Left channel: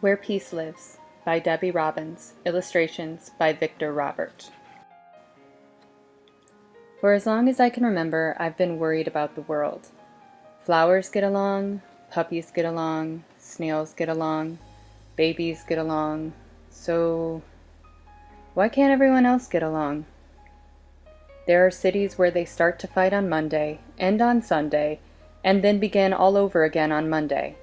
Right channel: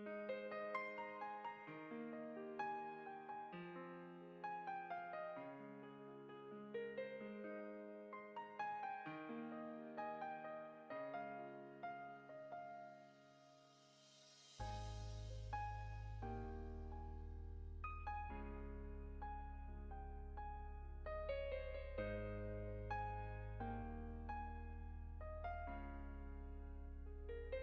Where Peace Lives by Debbie Robbins, illustrations by Victor Robert. For as long as I can remember, I've been worried about the world. Flowers get along, puppies get along, snails get along, babies get along, so why can't everyone else get along? There are cities where they start to fight on Monday, end on Sunday, and then begin all over again on Monday.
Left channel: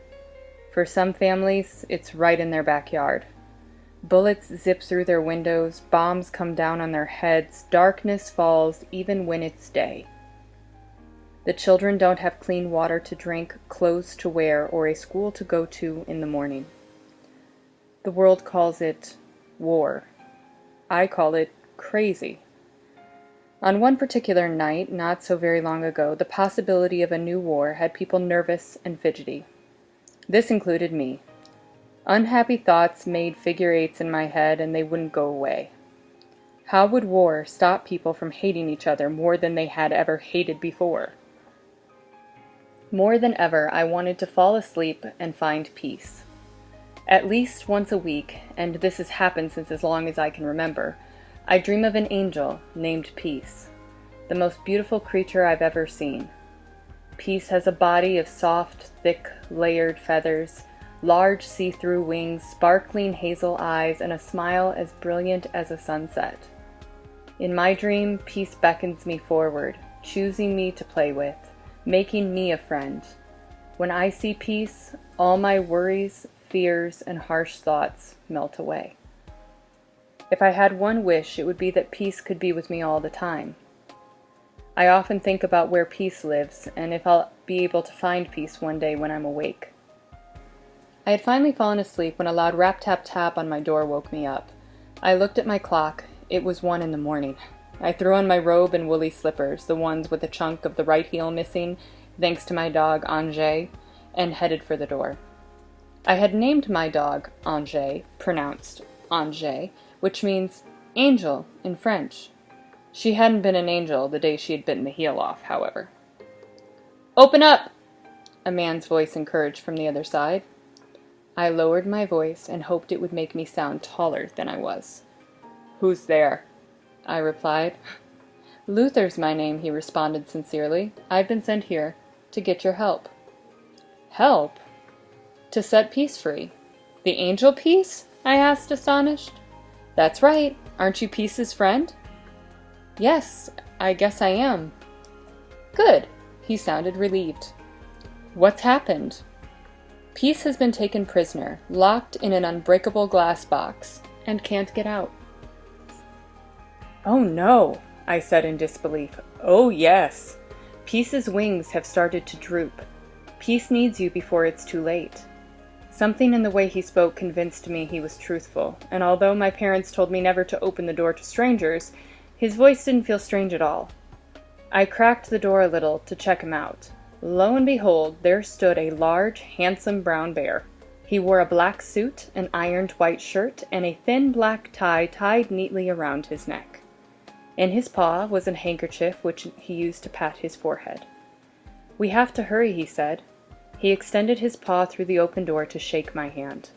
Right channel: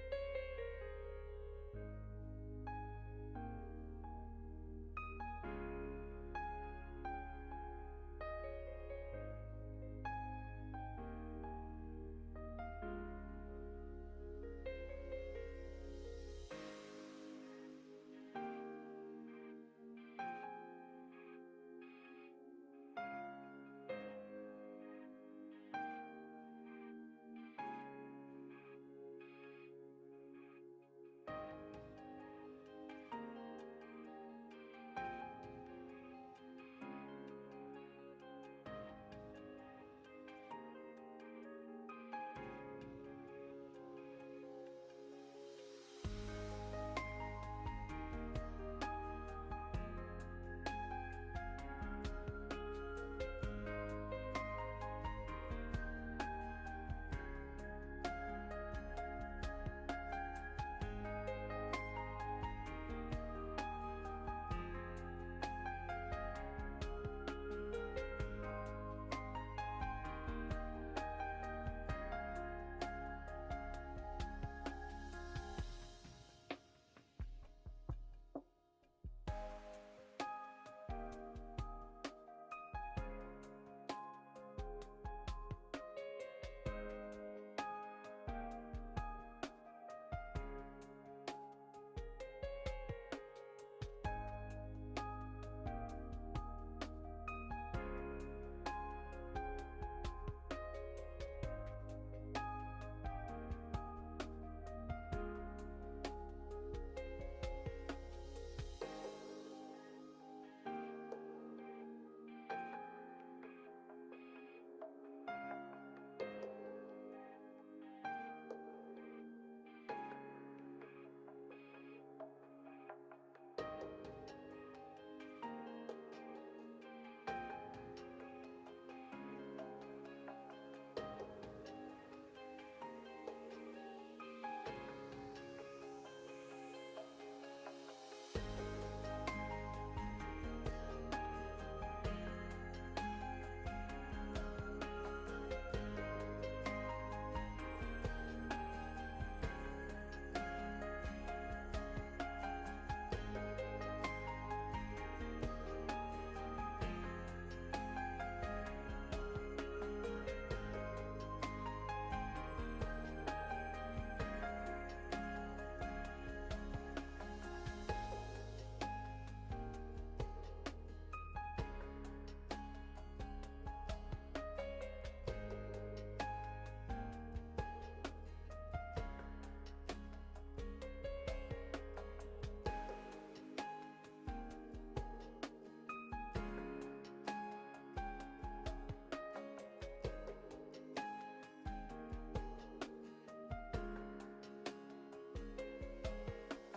For some families, it's right in their backyard. Bullets zip through their windows, bombs come down on their heads, darkness falls even when it's day. The children don't have clean water to drink, clothes to wear, or a school to go to in the morning. The world calls it war. I call it crazy. On one particular night, not so very long ago, the possibility of a new war had people nervous and fidgety. This included me. Unhappy thoughts made figure eights in my head and they wouldn't go away. How would war stop people from hating each other more than they had ever hated before? More than ever, I wanted to fall asleep and find peace. At least once a week, and this has happened since as long as I can remember, I dream of an angel named Peace, the most beautiful creature I've ever seen. Peace has a body of soft, thick, layered feathers, large see-through wings, sparkling hazel eyes, and a smile as brilliant as a sunset. In my dream, Peace beckons me forward, choosing me to play with, making me a friend. When I see Peace, all my worries, fears, and harsh thoughts melt away. If I had one wish, it would be that Peace could be with me all the time. I often think about where Peace lives, and if I'll be able to find Peace one day when I'm awake. I had finally fallen asleep when a loud rap-tap-tap on my door woke me up. I looked at my clock. It was 1 a.m. I threw on my robe and woolly slippers, the ones with a chunk of the right heel missing, thanks to my dog Angers, and headed for the door. I had named my dog Angers, pronounced Angers, which means angel in French. She hadn't been an angel the day she had bitten the heel off, however. "Open up!" a man's voice encouraged from the other side. I lowered my voice and hoped it would make me sound taller than I was. "Who's there?" I replied. "Luther's my name," he responded sincerely. "I've been sent here to get your help." "Help?" "To set Peace free." "The angel Peace?" I asked, astonished. "That's right. Aren't you Peace's friend?" "Yes, I guess I am." "Good." He sounded relieved. "What's happened?" "Peace has been taken prisoner, locked in an unbreakable glass box, and can't get out." "Oh no," I said in disbelief. "Oh yes. Peace's wings have started to droop. Peace needs you before it's too late." Something in the way he spoke convinced me he was truthful, and although my parents told me never to open the door to strangers, his voice didn't feel strange at all. I cracked the door a little to check him out. Lo and behold, there stood a large, handsome brown bear. He wore a black suit, an ironed white shirt, and a thin black tie tied neatly around his neck. In his paw was a handkerchief which he used to pat his forehead. "We have to hurry," he said. He extended his paw through the open door to shake my hand.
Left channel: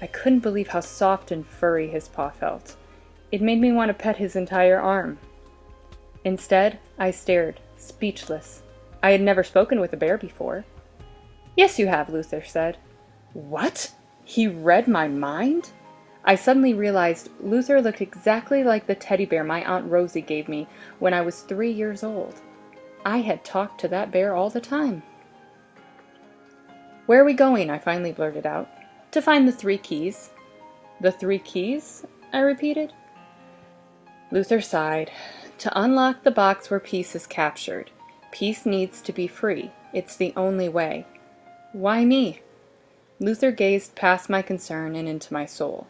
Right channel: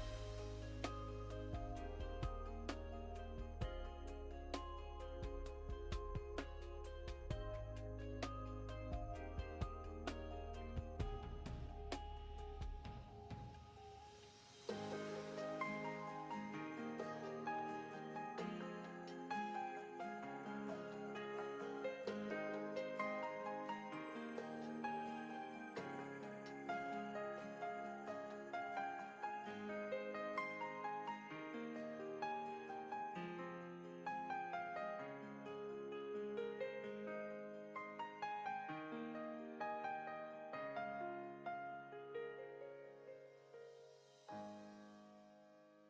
I couldn't believe how soft and furry his paw felt. It made me want to pet his entire arm. Instead, I stared, speechless. I had never spoken with a bear before. "Yes, you have," Luther said. What? He read my mind? I suddenly realized Luther looked exactly like the teddy bear my Aunt Rosie gave me when I was 3 years old. I had talked to that bear all the time. "Where are we going?" I finally blurted out. "To find the 3 keys." "The 3 keys?" I repeated. Luther sighed. "To unlock the box where Peace is captured. Peace needs to be free. It's the only way." "Why me?" Luther gazed past my concern and into my soul.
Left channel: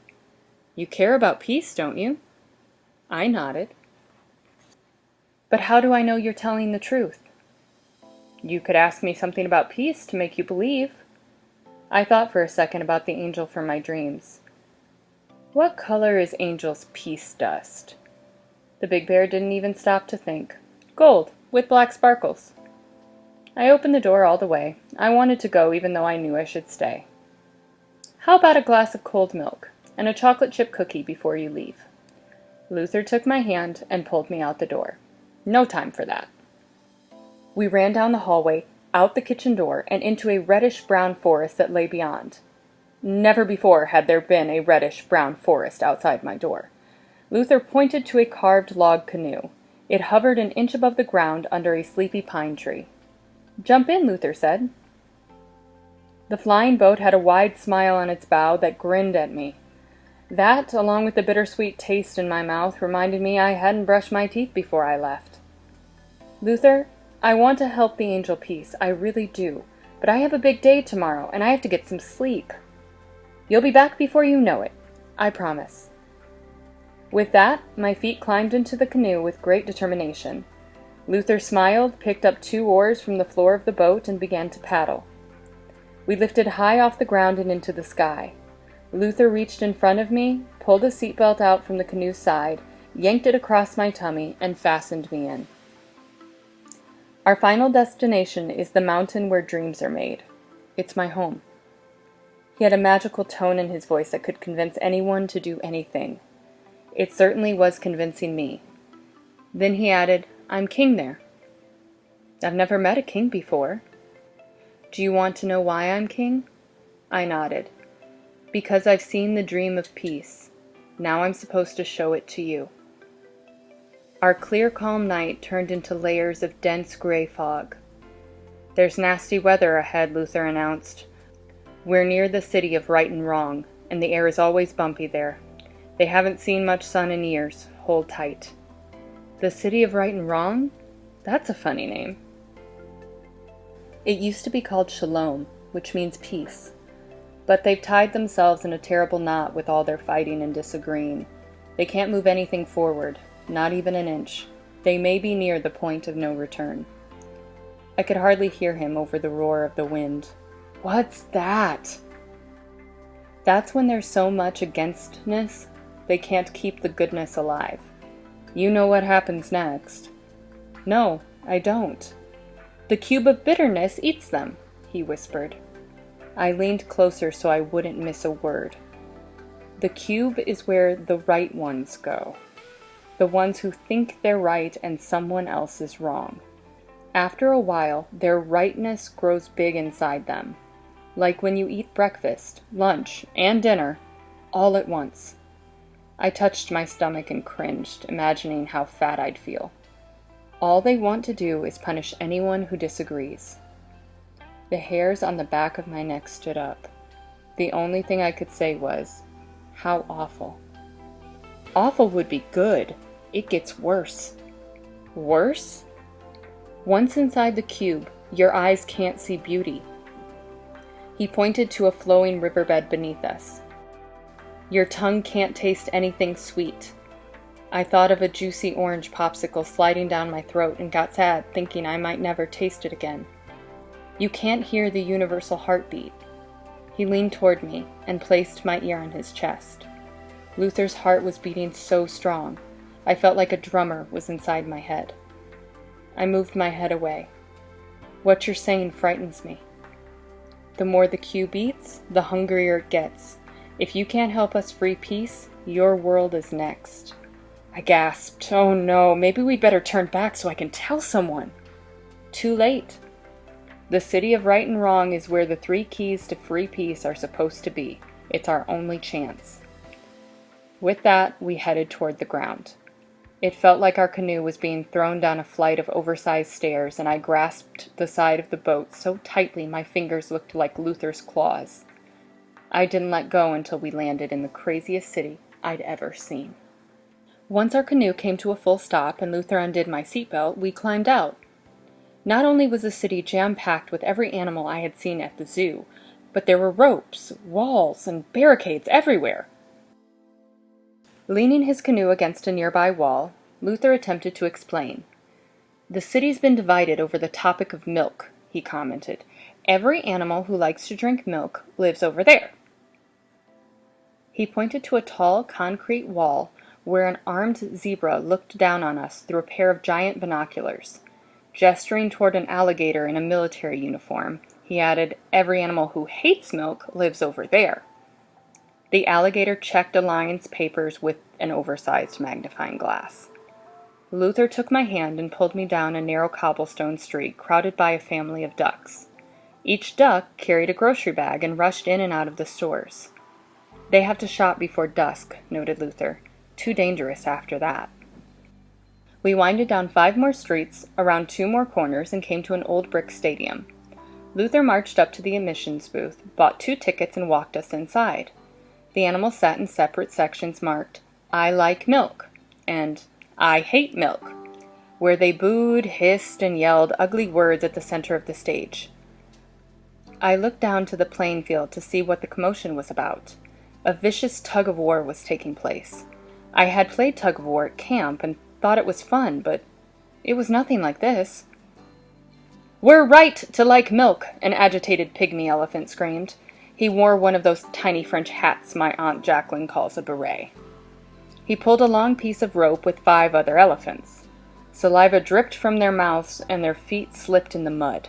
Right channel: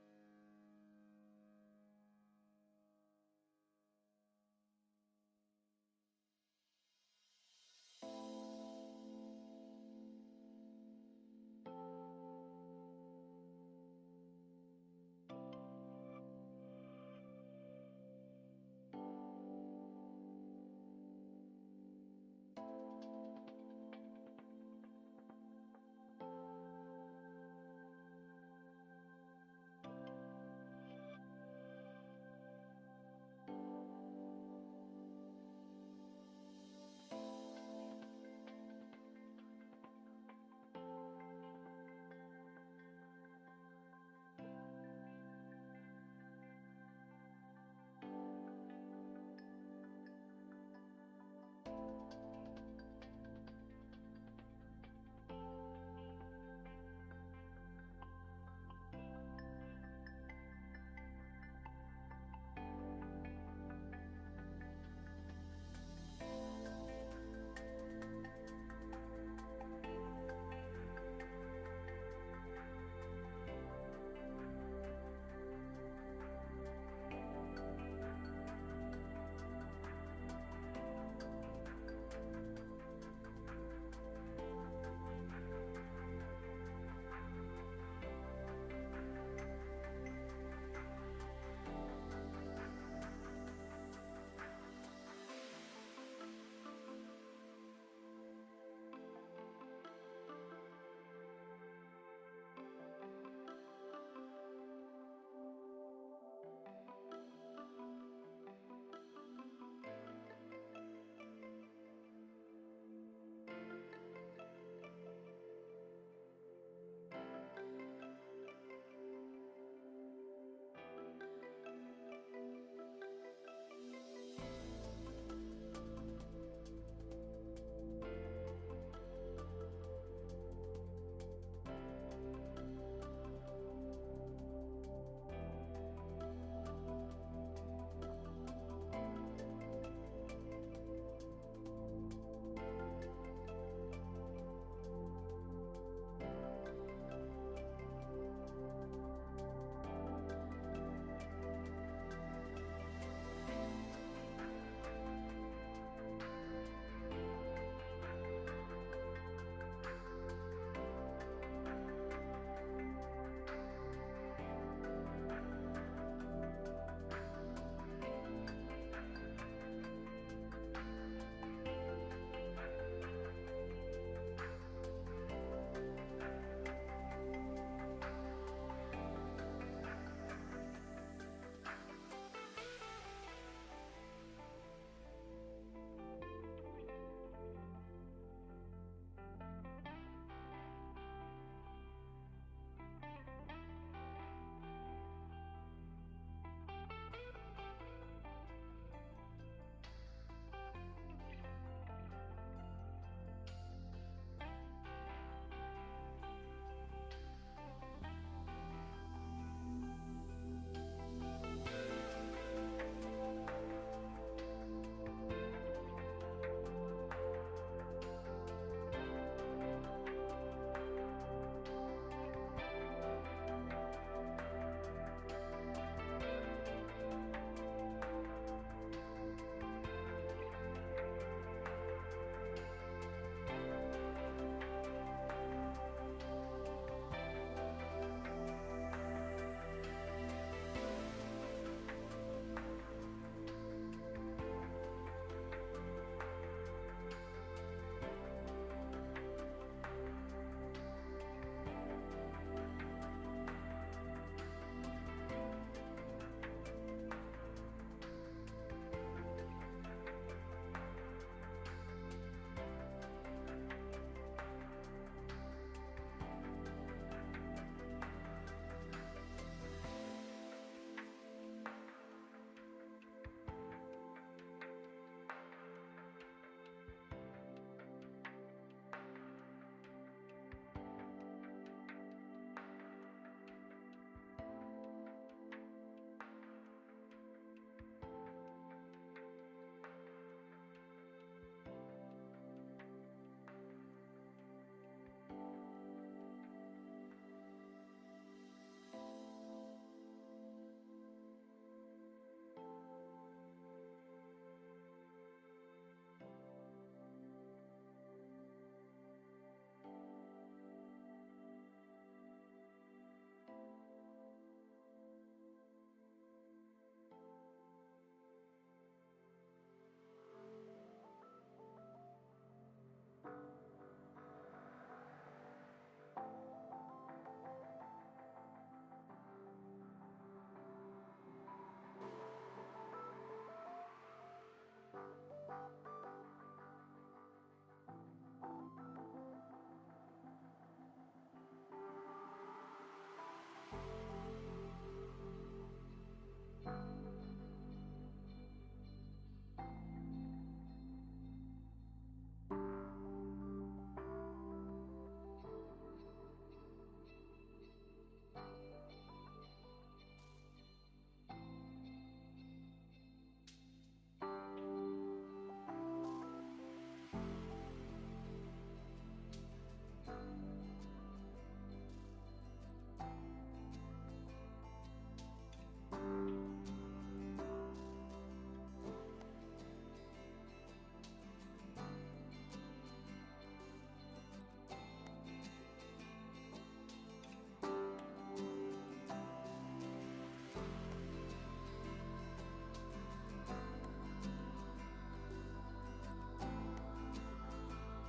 "You care about Peace, don't you?" I nodded. "But how do I know you're telling the truth?" "You could ask me something about Peace to make you believe." I thought for a second about the angel from my dreams. "What color is Angel's peace dust?" The big bear didn't even stop to think. "Gold, with black sparkles." I opened the door all the way. I wanted to go even though I knew I should stay. How about a glass of cold milk and a chocolate chip cookie before you leave? Luther took my hand and pulled me out the door. No time for that. We ran down the hallway, out the kitchen door, and into a reddish-brown forest that lay beyond. Never before had there been a reddish-brown forest outside my door. Luther pointed to a carved log canoe. It hovered an inch above the ground under a sleepy pine tree. "Jump in," Luther said. The flying boat had a wide smile on its bow that grinned at me. That, along with the bittersweet taste in my mouth, reminded me I hadn't brushed my teeth before I left. "Luther, I want to help the Angel Peace, I really do, but I have a big day tomorrow, and I have to get some sleep." "You'll be back before you know it, I promise." With that, my feet climbed into the canoe with great determination. Luther smiled, picked up 2 oars from the floor of the boat, and began to paddle. We lifted high off the ground and into the sky. Luther reached in front of me, pulled a seatbelt out from the canoe's side, yanked it across my tummy, and fastened me in. Our final destination is the mountain where dreams are made. It's my home. He had a magical tone in his voice that could convince anyone to do anything. It certainly was convincing me. Then he added, "I'm king there." "I've never met a king before." "Do you want to know why I'm king?" I nodded. "Because I've seen the dream of peace. Now I'm supposed to show it to you." Our clear, calm night turned into layers of dense gray fog. "There's nasty weather ahead," Luther announced. "We're near the city of Right and Wrong, and the air is always bumpy there. They haven't seen much sun in years. Hold tight." The city of Right and Wrong? That's a funny name. It used to be called Shalom, which means peace. But they've tied themselves in a terrible knot with all their fighting and disagreeing. They can't move anything forward, not even an inch. They may be near the point of no return. I could hardly hear him over the roar of the wind. "What's that?" That's when there's so much againstness, they can't keep the goodness alive. You know what happens next. "No, I don't." "The cube of bitterness eats them," he whispered. I leaned closer so I wouldn't miss a word. The cube is where the right ones go. The ones who think they're right and someone else is wrong. After a while, their rightness grows big inside them. Like when you eat breakfast, lunch, and dinner, all at once. I touched my stomach and cringed, imagining how fat I'd feel. All they want to do is punish anyone who disagrees. The hairs on the back of my neck stood up. The only thing I could say was, "How awful." Awful would be good. It gets worse. Worse? Once inside the cube, your eyes can't see beauty. He pointed to a flowing riverbed beneath us. Your tongue can't taste anything sweet. I thought of a juicy orange popsicle sliding down my throat and got sad, thinking I might never taste it again. You can't hear the universal heartbeat. He leaned toward me and placed my ear on his chest. Luther's heart was beating so strong, I felt like a drummer was inside my head. I moved my head away. "What you're saying frightens me. The more the cube eats, the hungrier it gets. If you can't help us free peace, your world is next." I gasped. "Oh no, maybe we'd better turn back so I can tell someone." Too late. The city of Right and Wrong is where the 3 keys to free peace are supposed to be. It's our only chance. With that, we headed toward the ground. It felt like our canoe was being thrown down a flight of oversized stairs, and I grasped the side of the boat so tightly my fingers looked like Luther's claws. I didn't let go until we landed in the craziest city I'd ever seen. Once our canoe came to a full stop and Luther undid my seatbelt, we climbed out. Not only was the city jam-packed with every animal I had seen at the zoo, but there were ropes, walls, and barricades everywhere. Leaning his canoe against a nearby wall, Luther attempted to explain. "The city's been divided over the topic of milk," he commented. "Every animal who likes to drink milk lives over there." He pointed to a tall concrete wall where an armed zebra looked down on us through a pair of giant binoculars. Gesturing toward an alligator in a military uniform, he added, "Every animal who hates milk lives over there." The alligator checked a lion's papers with an oversized magnifying glass. Luther took my hand and pulled me down a narrow cobblestone street crowded by a family of ducks. Each duck carried a grocery bag and rushed in and out of the stores. "They have to shop before dusk," noted Luther. "Too dangerous after that." We winded down 5 more streets, around 2 more corners, and came to an old brick stadium. Luther marched up to the admissions booth, bought 2 tickets, and walked us inside. The animals sat in separate sections marked, "I like milk," and "I hate milk," where they booed, hissed, and yelled ugly words at the center of the stage. I looked down to the playing field to see what the commotion was about. A vicious tug-of-war was taking place. I had played tug-of-war at camp and thought it was fun, but it was nothing like this. "We're right to like milk," an agitated pygmy elephant screamed. He wore one of those tiny French hats my Aunt Jacqueline calls a beret. He pulled a long piece of rope with 5 other elephants. Saliva dripped from their mouths and their feet slipped in the mud.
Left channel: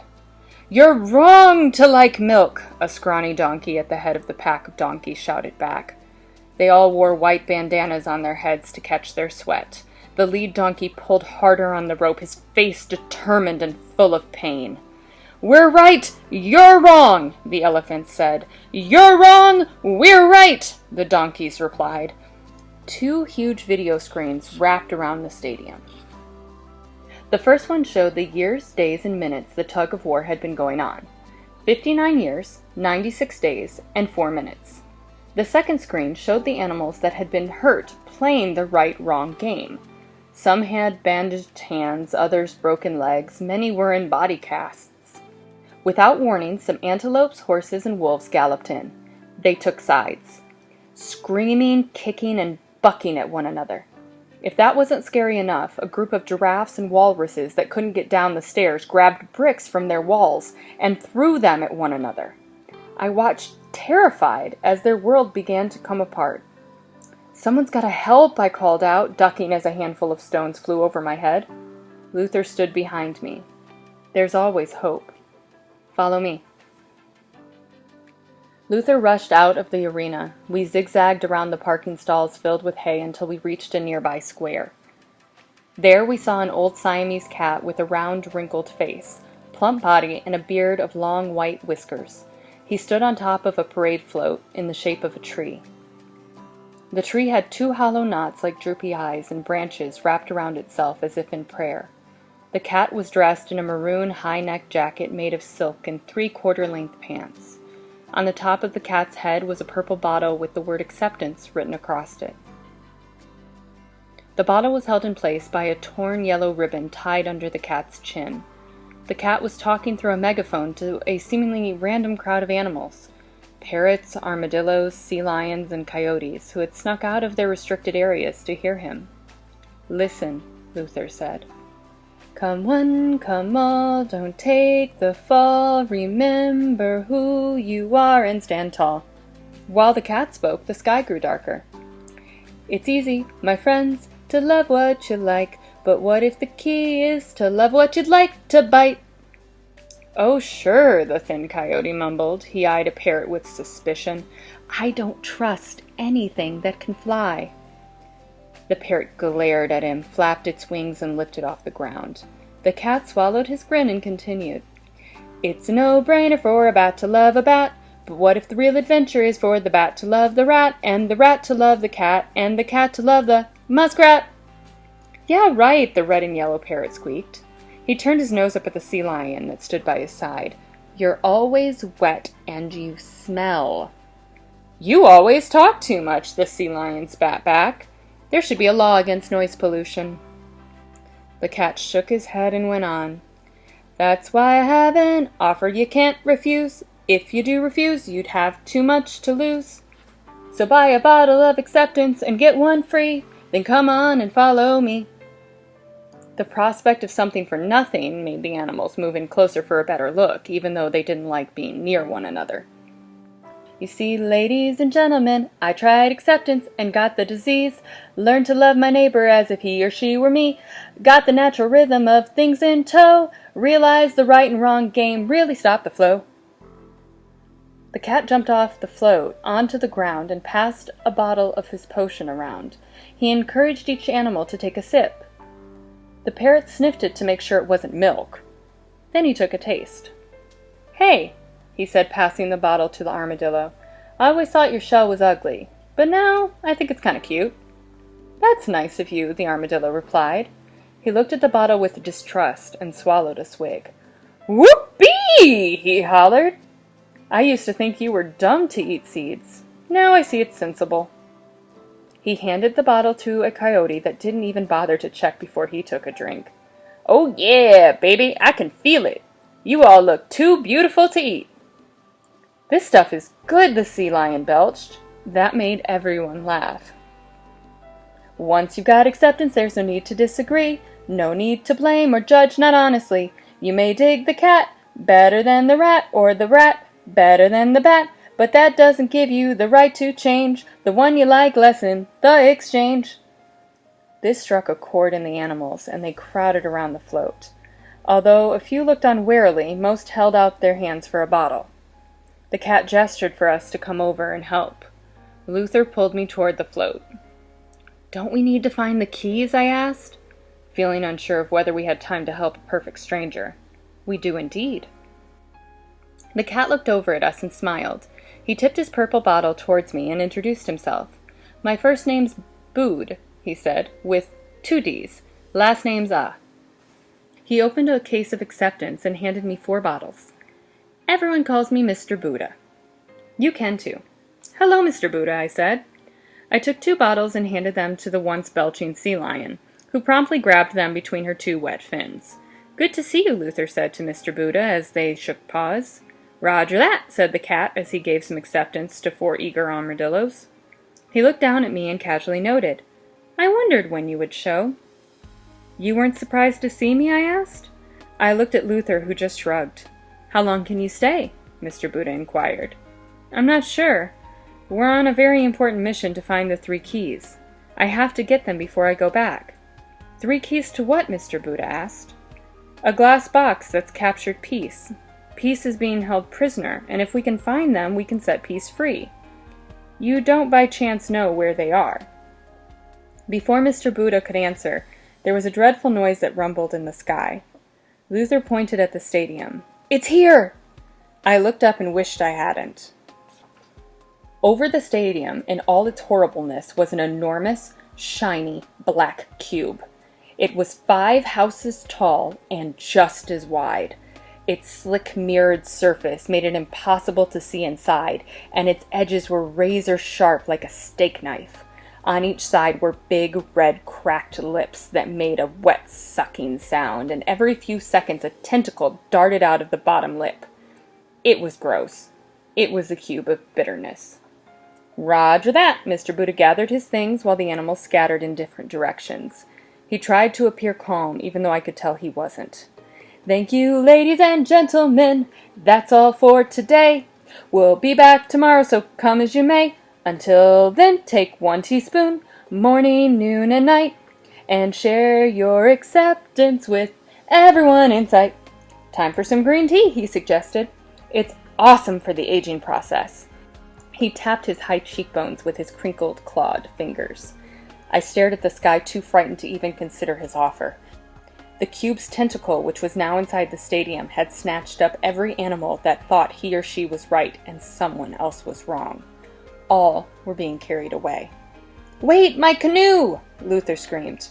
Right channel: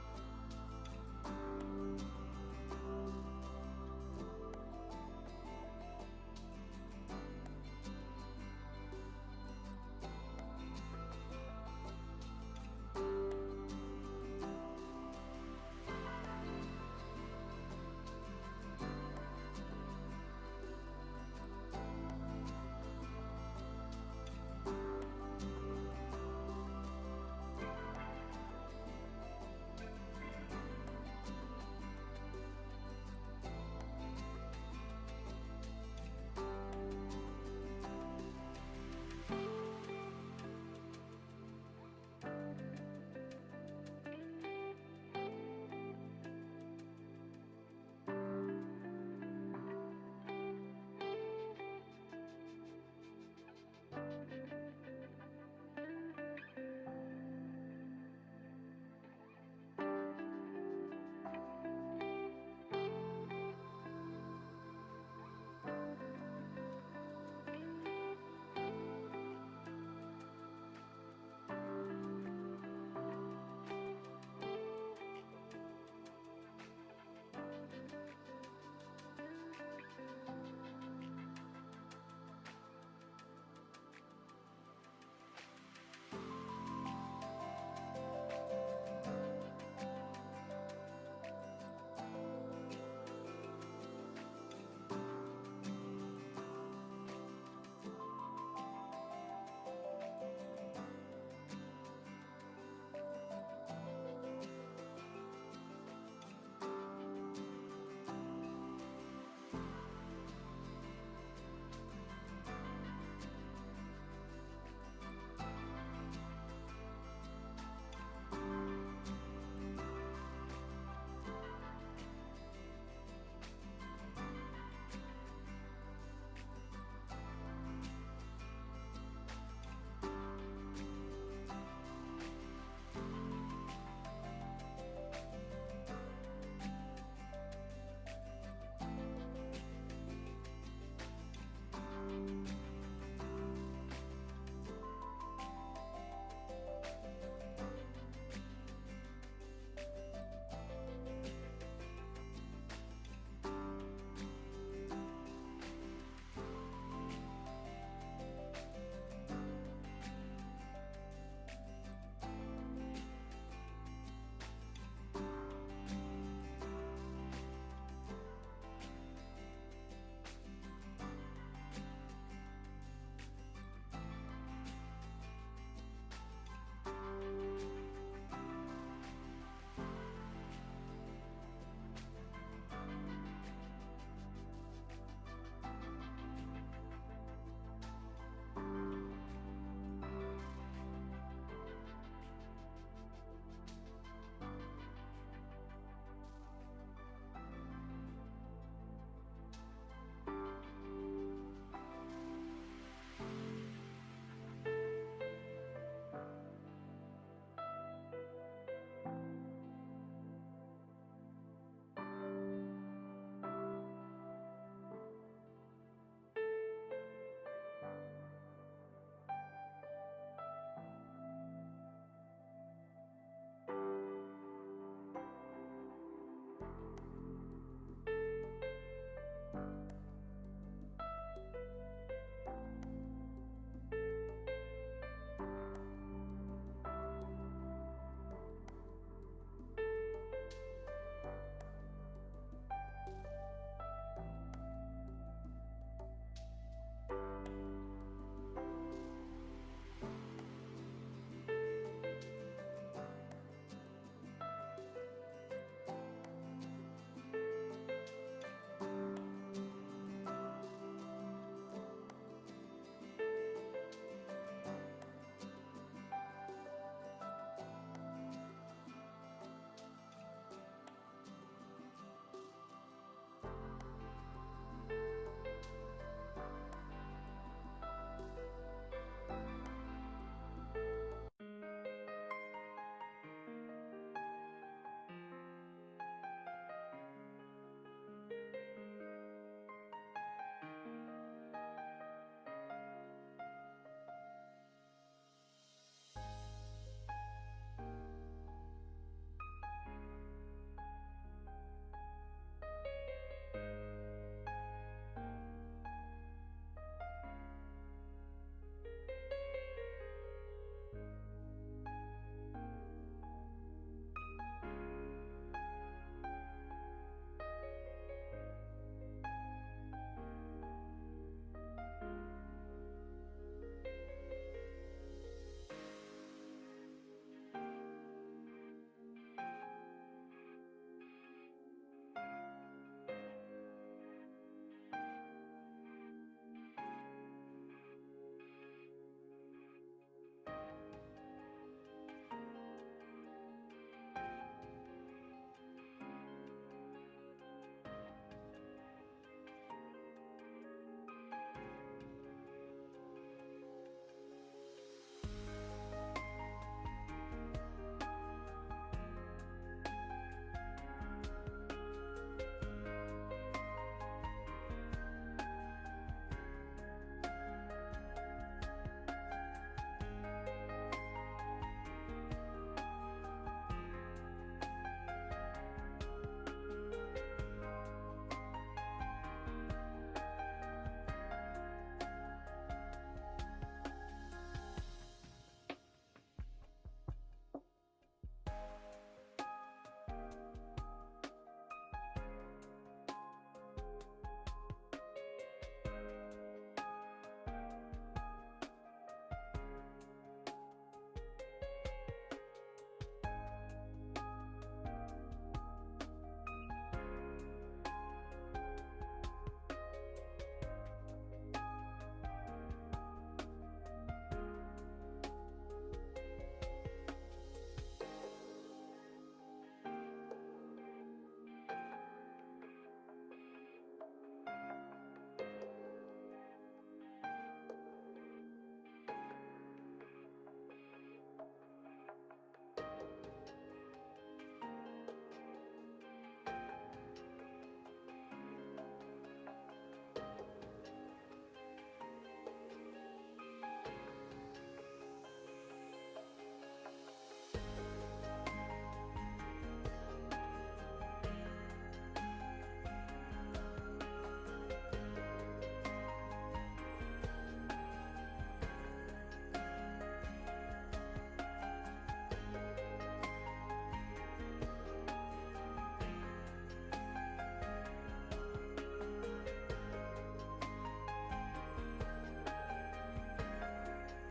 "You're wrong to like milk," a scrawny donkey at the head of the pack of donkeys shouted back. They all wore white bandanas on their heads to catch their sweat. The lead donkey pulled harder on the rope, his face determined and full of pain. "We're right, you're wrong," the elephants said. "You're wrong, we're right," the donkeys replied. 2 huge video screens wrapped around the stadium. The first one showed the years, days, and minutes the tug-of-war had been going on. 59 years, 96 days, and 4 minutes. The second screen showed the animals that had been hurt playing the right-wrong game. Some had bandaged hands, others broken legs, many were in body casts. Without warning, some antelopes, horses, and wolves galloped in. They took sides, screaming, kicking, and bucking at one another. If that wasn't scary enough, a group of giraffes and walruses that couldn't get down the stairs grabbed bricks from their walls and threw them at one another. I watched, terrified, as their world began to come apart. "Someone's gotta help," I called out, ducking as a handful of stones flew over my head. Luther stood behind me. "There's always hope. Follow me." Luther rushed out of the arena. We zigzagged around the parking stalls filled with hay until we reached a nearby square. There we saw an old Siamese cat with a round, wrinkled face, plump body, and a beard of long white whiskers. He stood on top of a parade float in the shape of a tree. The tree had 2 hollow knots like droopy eyes and branches wrapped around itself as if in prayer. The cat was dressed in a maroon high-neck jacket made of silk and 3/4-length pants. On the top of the cat's head was a purple bottle with the word acceptance written across it. The bottle was held in place by a torn yellow ribbon tied under the cat's chin. The cat was talking through a megaphone to a seemingly random crowd of animals. Parrots, armadillos, sea lions, and coyotes who had snuck out of their restricted areas to hear him. "Listen," Luther said. "Come one, come all, don't take the fall, remember who you are and stand tall." While the cat spoke, the sky grew darker. "It's easy, my friends, to love what you like, but what if the key is to love what you'd like to bite?" "Oh, sure," the thin coyote mumbled. He eyed a parrot with suspicion. "I don't trust anything that can fly." The parrot glared at him, flapped its wings, and lifted off the ground. The cat swallowed his grin and continued. "It's a no-brainer for a bat to love a bat, but what if the real adventure is for the bat to love the rat, and the rat to love the cat, and the cat to love the muskrat?" "Yeah, right," the red and yellow parrot squeaked. He turned his nose up at the sea lion that stood by his side. "You're always wet, and you smell." "You always talk too much," the sea lion spat back. "There should be a law against noise pollution." The cat shook his head and went on. "That's why I have an offer you can't refuse. If you do refuse, you'd have too much to lose. So buy a bottle of acceptance and get one free, then come on and follow me." The prospect of something for nothing made the animals move in closer for a better look, even though they didn't like being near one another. "You see, ladies and gentlemen, I tried acceptance and got the disease. Learned to love my neighbor as if he or she were me. Got the natural rhythm of things in tow. Realized the right and wrong game really stopped the flow." The cat jumped off the float onto the ground and passed a bottle of his potion around. He encouraged each animal to take a sip. The parrot sniffed it to make sure it wasn't milk. Then he took a taste. "Hey," he said, passing the bottle to the armadillo. "I always thought your shell was ugly, but now I think it's kind of cute." "That's nice of you," the armadillo replied. He looked at the bottle with distrust and swallowed a swig. "Whoopee!" he hollered. "I used to think you were dumb to eat seeds. Now I see it's sensible." He handed the bottle to a coyote that didn't even bother to check before he took a drink. "Oh yeah, baby, I can feel it. You all look too beautiful to eat." "This stuff is good," the sea lion belched. That made everyone laugh. "Once you've got acceptance, there's no need to disagree. No need to blame or judge not honestly. You may dig the cat better than the rat, or the rat better than the bat, but that doesn't give you the right to change the one you like less in the exchange." This struck a chord in the animals, and they crowded around the float. Although a few looked on warily, most held out their hands for a bottle. The cat gestured for us to come over and help. Luther pulled me toward the float. "Don't we need to find the keys?" I asked, feeling unsure of whether we had time to help a perfect stranger. "We do indeed." The cat looked over at us and smiled. He tipped his purple bottle towards me and introduced himself. "My first name's Bood," he said, "with 2 D's. Last name's Ah." He opened a case of acceptance and handed me 4 bottles. "Everyone calls me Mr. Buddha." "You can too." "Hello, Mr. Buddha," I said. I took 2 bottles and handed them to the once belching sea lion, who promptly grabbed them between her 2 wet fins. "Good to see you," Luther said to Mr. Buddha as they shook paws. "Roger that," said the cat as he gave some acceptance to 4 eager armadillos. He looked down at me and casually noted, "I wondered when you would show." "You weren't surprised to see me?" I asked. I looked at Luther, who just shrugged. "How long can you stay?" Mr. Buddha inquired. "I'm not sure. We're on a very important mission to find the 3 keys. I have to get them before I go back." "3 keys to what?" Mr. Buddha asked. "A glass box that's captured Peace. Peace is being held prisoner, and if we can find them, we can set Peace free. You don't by chance know where they are?" Before Mr. Buddha could answer, there was a dreadful noise that rumbled in the sky. Luther pointed at the stadium. "It's here!" I looked up and wished I hadn't. Over the stadium, in all its horribleness, was an enormous, shiny, black cube. It was 5 houses tall and just as wide. Its slick mirrored surface made it impossible to see inside, and its edges were razor sharp like a steak knife. On each side were big, red, cracked lips that made a wet, sucking sound, and every few seconds a tentacle darted out of the bottom lip. It was gross. It was the cube of bitterness. "Roger that!" Mr. Buddha gathered his things while the animals scattered in different directions. He tried to appear calm, even though I could tell he wasn't. "Thank you, ladies and gentlemen. That's all for today. We'll be back tomorrow, so come as you may. Until then, take 1 teaspoon, morning, noon, and night, and share your acceptance with everyone in sight." "Time for some green tea," he suggested. "It's awesome for the aging process." He tapped his high cheekbones with his crinkled, clawed fingers. I stared at the sky, too frightened to even consider his offer. The cube's tentacle, which was now inside the stadium, had snatched up every animal that thought he or she was right and someone else was wrong. All were being carried away. "Wait, my canoe!" Luther screamed.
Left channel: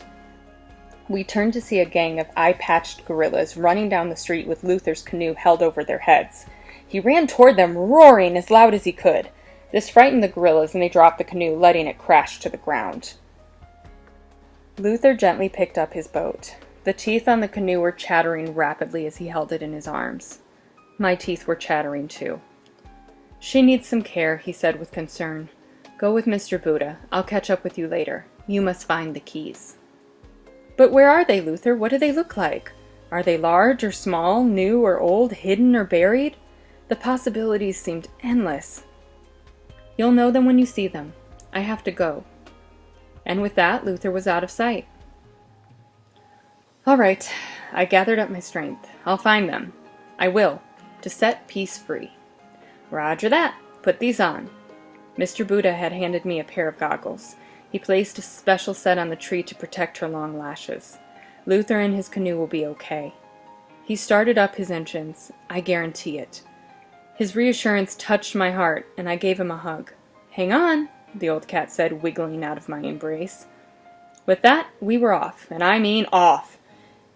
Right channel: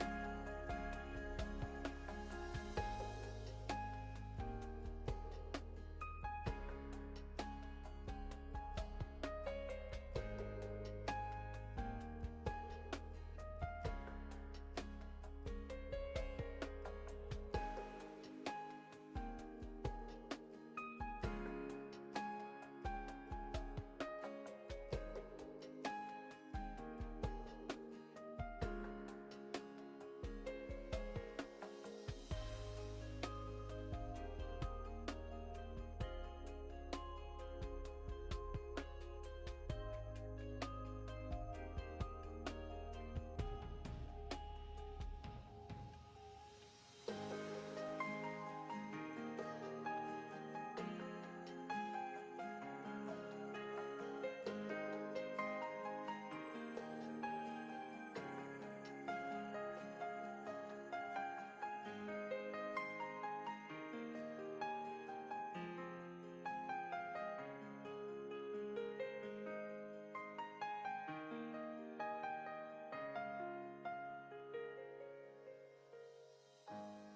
We turned to see a gang of eye-patched gorillas running down the street with Luther's canoe held over their heads. He ran toward them, roaring as loud as he could. This frightened the gorillas, and they dropped the canoe, letting it crash to the ground. Luther gently picked up his boat. The teeth on the canoe were chattering rapidly as he held it in his arms. My teeth were chattering too. "She needs some care," he said with concern. "Go with Mr. Buddha. I'll catch up with you later. You must find the keys." "But where are they, Luther? What do they look like? Are they large or small, new or old, hidden or buried?" The possibilities seemed endless. "You'll know them when you see them. I have to go." And with that, Luther was out of sight. All right, I gathered up my strength. I'll find them. I will, to set Peace free. "Roger that," Put these on." Mr. Buddha had handed me a pair of goggles. He placed a special set on the tree to protect her long lashes. "Luther and his canoe will be okay." He started up his engines. I guarantee it. His reassurance touched my heart, and I gave him a hug. "Hang on," the old cat said, wiggling out of my embrace. With that, we were off, and I mean off.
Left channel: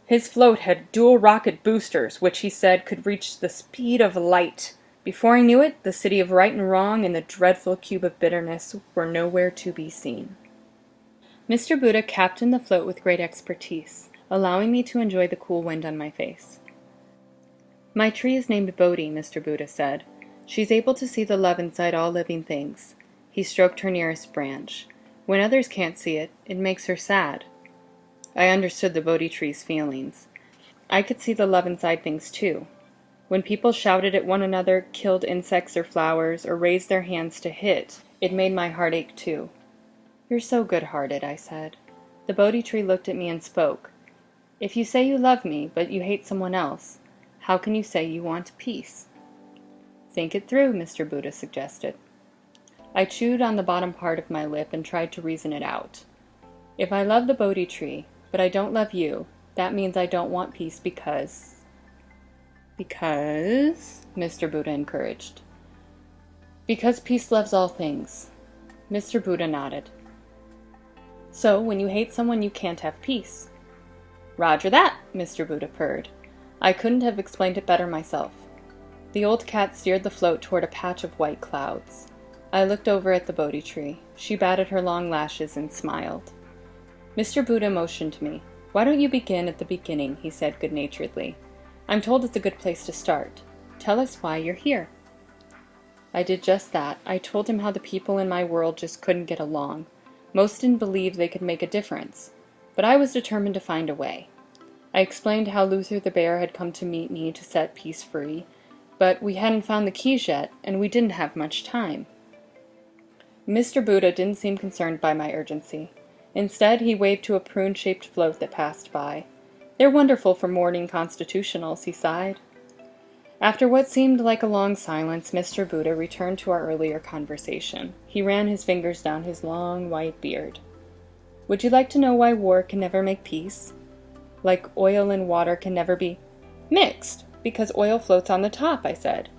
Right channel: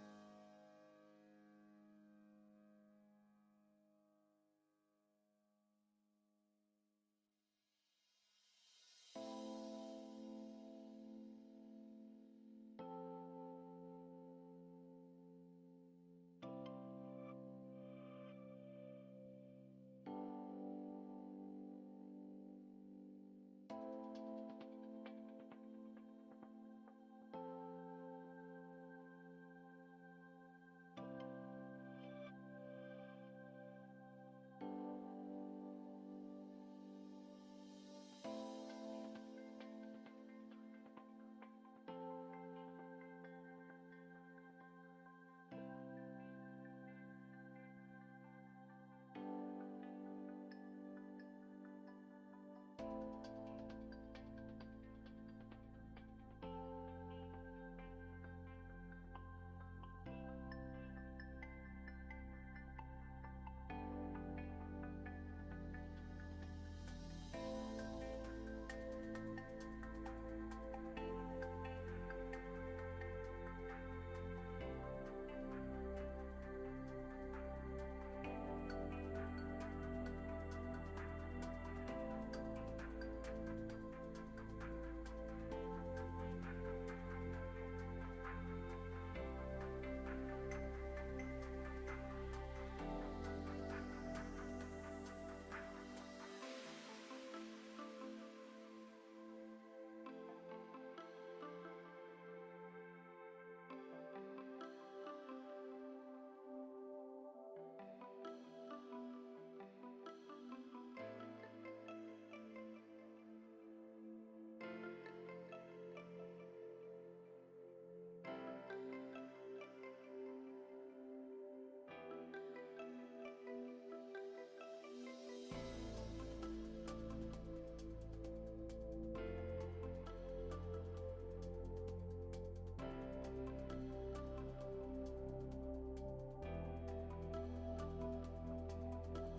His float had dual rocket boosters, which he said could reach the speed of light. Before I knew it, the city of right and wrong and the dreadful cube of bitterness were nowhere to be seen. Mr. Buddha captained the float with great expertise, allowing me to enjoy the cool wind on my face. "My tree is named Bodhi," Mr. Buddha said. "She's able to see the love inside all living things." He stroked her nearest branch. "When others can't see it, it makes her sad." I understood the Bodhi tree's feelings. I could see the love inside things too. When people shouted at one another, killed insects or flowers, or raised their hands to hit, it made my heart ache too. "You're so good-hearted," I said. The Bodhi tree looked at me and spoke. "If you say you love me, but you hate someone else, how can you say you want peace?" "Think it through," Mr. Buddha suggested. I chewed on the bottom part of my lip and tried to reason it out. If I love the Bodhi tree, but I don't love you, that means I don't want peace because... "Because?" Mr. Buddha encouraged. "Because peace loves all things." Mr. Buddha nodded. "So, when you hate someone, you can't have peace." "Roger that," Mr. Buddha purred. I couldn't have explained it better myself. The old cat steered the float toward a patch of white clouds. I looked over at the Bodhi tree. She batted her long lashes and smiled. Mr. Buddha motioned to me. "Why don't you begin at the beginning?" he said good-naturedly. "I'm told it's a good place to start. Tell us why you're here." I did just that. I told him how the people in my world just couldn't get along. Most didn't believe they could make a difference. But I was determined to find a way. I explained how Luther the bear had come to meet me to set peace free, but we hadn't found the keys yet, and we didn't have much time. Mr. Buddha didn't seem concerned by my urgency. Instead, he waved to a prune-shaped float that passed by. "They're wonderful for morning constitutionals," he sighed. After what seemed like a long silence, Mr. Buddha returned to our earlier conversation. He ran his fingers down his long, white beard. "Would you like to know why war can never make peace? Like oil and water can never be mixed, because oil floats on the top," I said.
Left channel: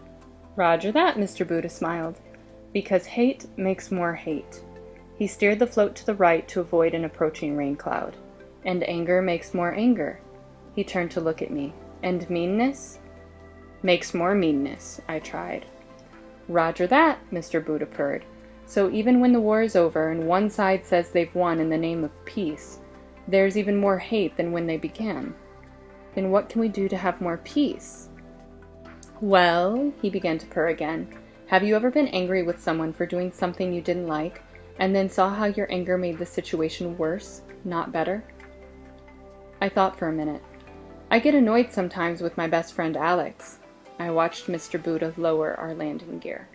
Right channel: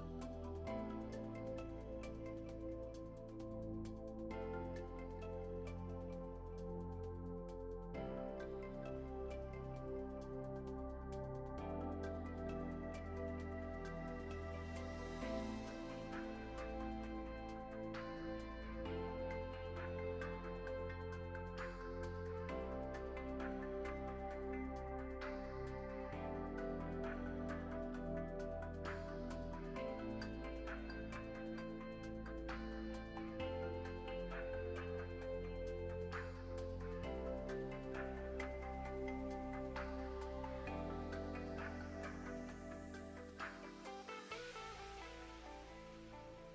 "Roger that," Mr. Buddha smiled. "Because hate makes more hate." He steered the float to the right to avoid an approaching rain cloud. "And anger makes more anger." He turned to look at me. "And meanness?" "Makes more meanness," I tried. "Roger that," Mr. Buddha purred. "So even when the war is over and one side says they've won in the name of peace, there's even more hate than when they began. Then what can we do to have more peace?" "Well," he began to purr again, "have you ever been angry with someone for doing something you didn't like, and then saw how your anger made the situation worse, not better?" I thought for a minute. "I get annoyed sometimes with my best friend Alex." I watched Mr. Buddha lower our landing gear.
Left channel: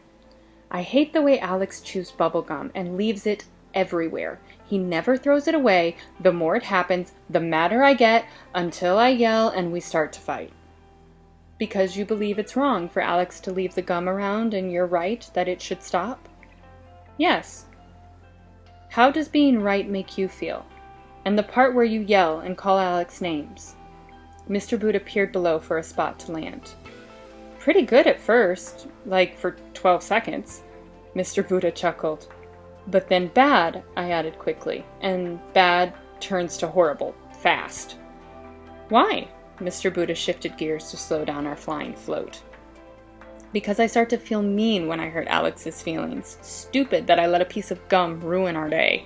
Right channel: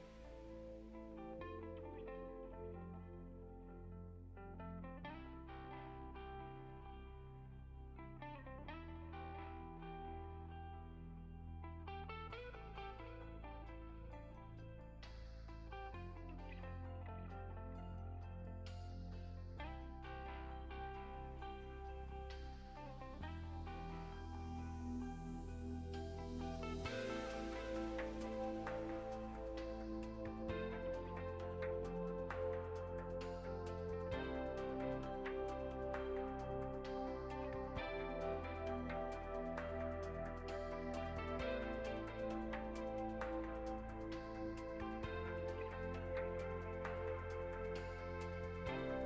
"I hate the way Alex chews bubblegum and leaves it everywhere. He never throws it away. The more it happens, the madder I get, until I yell and we start to fight." "Because you believe it's wrong for Alex to leave the gum around and you're right that it should stop?" "Yes." "How does being right make you feel? And the part where you yell and call Alex names?" Mr. Buddha peered below for a spot to land. "Pretty good at first, like for 12 seconds. Mr. Buddha chuckled. "But then bad," I added quickly, "and bad turns to horrible, fast." "Why?" Mr. Buddha shifted gears to slow down our flying float. "Because I start to feel mean when I hurt Alex's feelings. Stupid that I let a piece of gum ruin our day."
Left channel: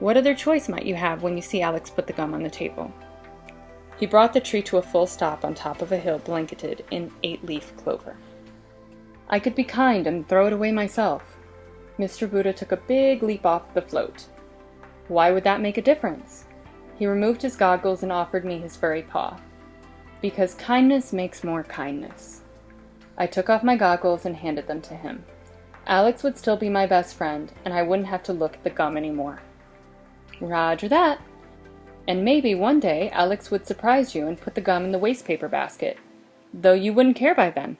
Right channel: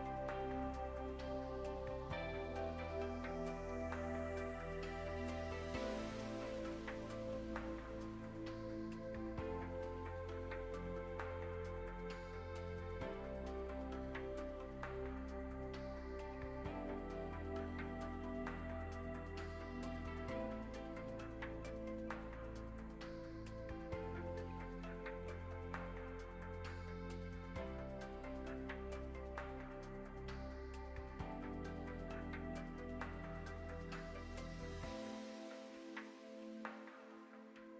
"What other choice might you have when you see Alex put the gum on the table?" He brought the tree to a full stop on top of a hill blanketed in 8-leaf clover. "I could be kind and throw it away myself." Mr. Buddha took a big leap off the float. "Why would that make a difference?" He removed his goggles and offered me his furry paw. "Because kindness makes more kindness." I took off my goggles and handed them to him. Alex would still be my best friend, and I wouldn't have to look at the gum anymore. "Roger that." "And maybe one day Alex would surprise you and put the gum in the wastepaper basket, though you wouldn't care by then."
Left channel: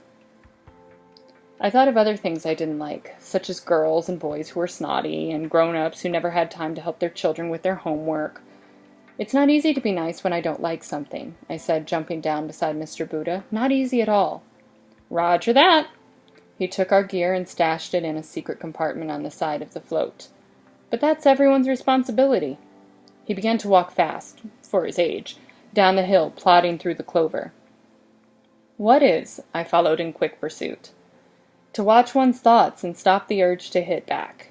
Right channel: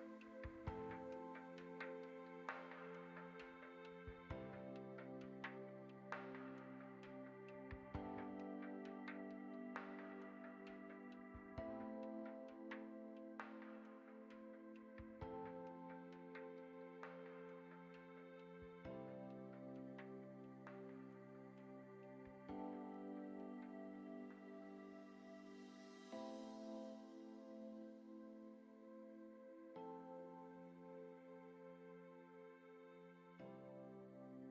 I thought of other things I didn't like, such as girls and boys who were snotty, and grown-ups who never had time to help their children with their homework. "It's not easy to be nice when I don't like something," I said, jumping down beside Mr. Buddha. "Not easy at all." "Roger that." He took our gear and stashed it in a secret compartment on the side of the float. "But that's everyone's responsibility." He began to walk fast, for his age, down the hill, plodding through the clover. "What is?" I followed in quick pursuit. "To watch one's thoughts and stop the urge to hit back."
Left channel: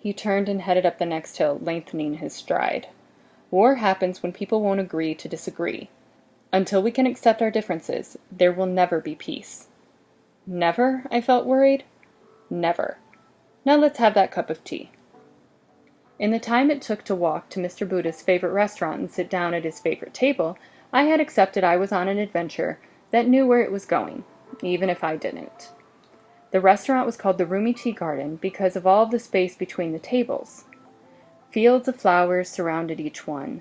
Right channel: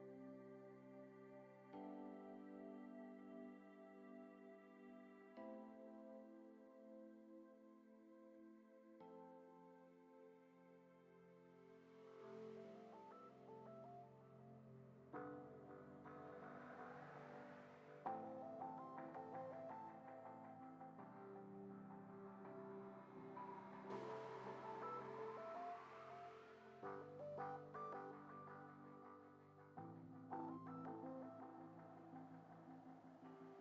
He turned and headed up the next hill, lengthening his stride. "War happens when people won't agree to disagree. Until we can accept our differences, there will never be peace." Never? I felt worried. Never. Now let's have that cup of tea. In the time it took to walk to Mr. Buddha's favorite restaurant and sit down at his favorite table, I had accepted I was on an adventure that knew where it was going, even if I didn't. The restaurant was called the Roomy Tea Garden because of all of the space between the tables. Fields of flowers surrounded each one.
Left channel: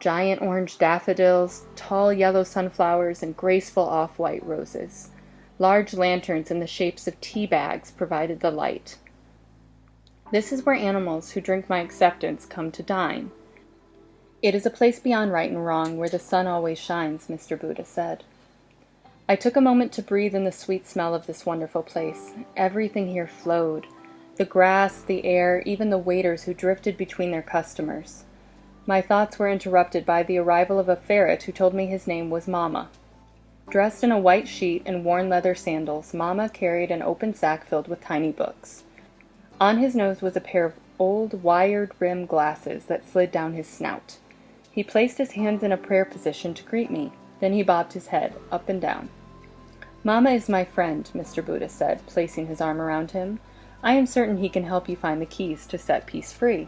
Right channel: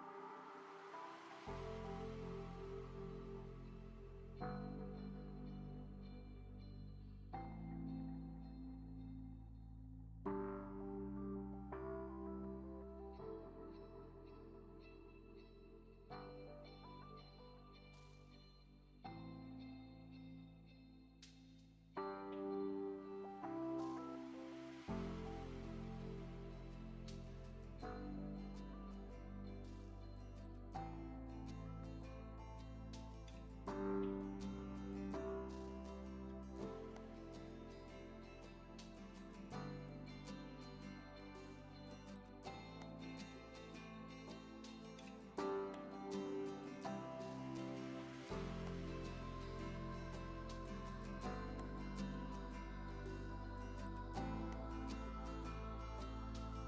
Giant orange daffodils, tall yellow sunflowers, and graceful off-white roses. Large lanterns in the shapes of tea bags provided the light. This is where animals who drink my acceptance come to dine. "It is a place beyond right and wrong, where the sun always shines," Mr. Buddha said. I took a moment to breathe in the sweet smell of this wonderful place. Everything here flowed. The grass, the air, even the waiters who drifted between their customers. My thoughts were interrupted by the arrival of a ferret who told me his name was Mama. Dressed in a white sheet and worn leather sandals, Mama carried an open sack filled with tiny books. On his nose was a pair of old wired-rimmed glasses that slid down his snout. He placed his hands in a prayer position to greet me. Then he bobbed his head, up and down. "Mama is my friend," Mr. Buddha said, placing his arm around him. "I am certain he can help you find the keys to set peace free."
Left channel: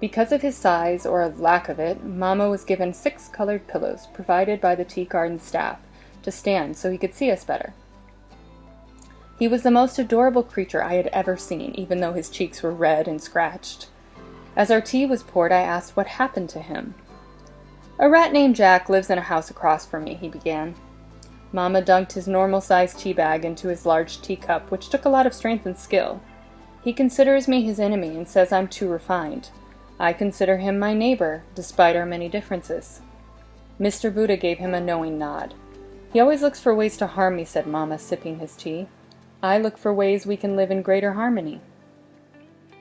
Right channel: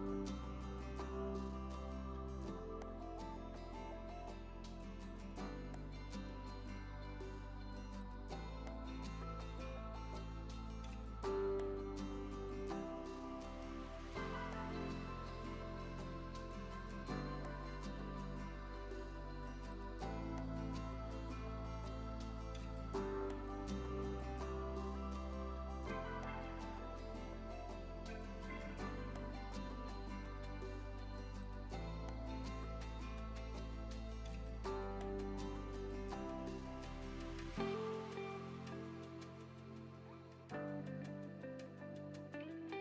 Because of his size, or lack of it, Mama was given 6 colored pillows, provided by the tea garden staff, to stand so he could see us better. He was the most adorable creature I had ever seen, even though his cheeks were red and scratched. As our tea was poured, I asked what happened to him. "A rat named Jack lives in a house across from me," he began. Mama dunked his normal-sized tea bag into his large teacup, which took a lot of strength and skill. "He considers me his enemy and says I'm too refined. I consider him my neighbor, despite our many differences." Mr. Buddha gave him a knowing nod. "He always looks for ways to harm me," said Mama, sipping his tea. "I look for ways we can live in greater harmony."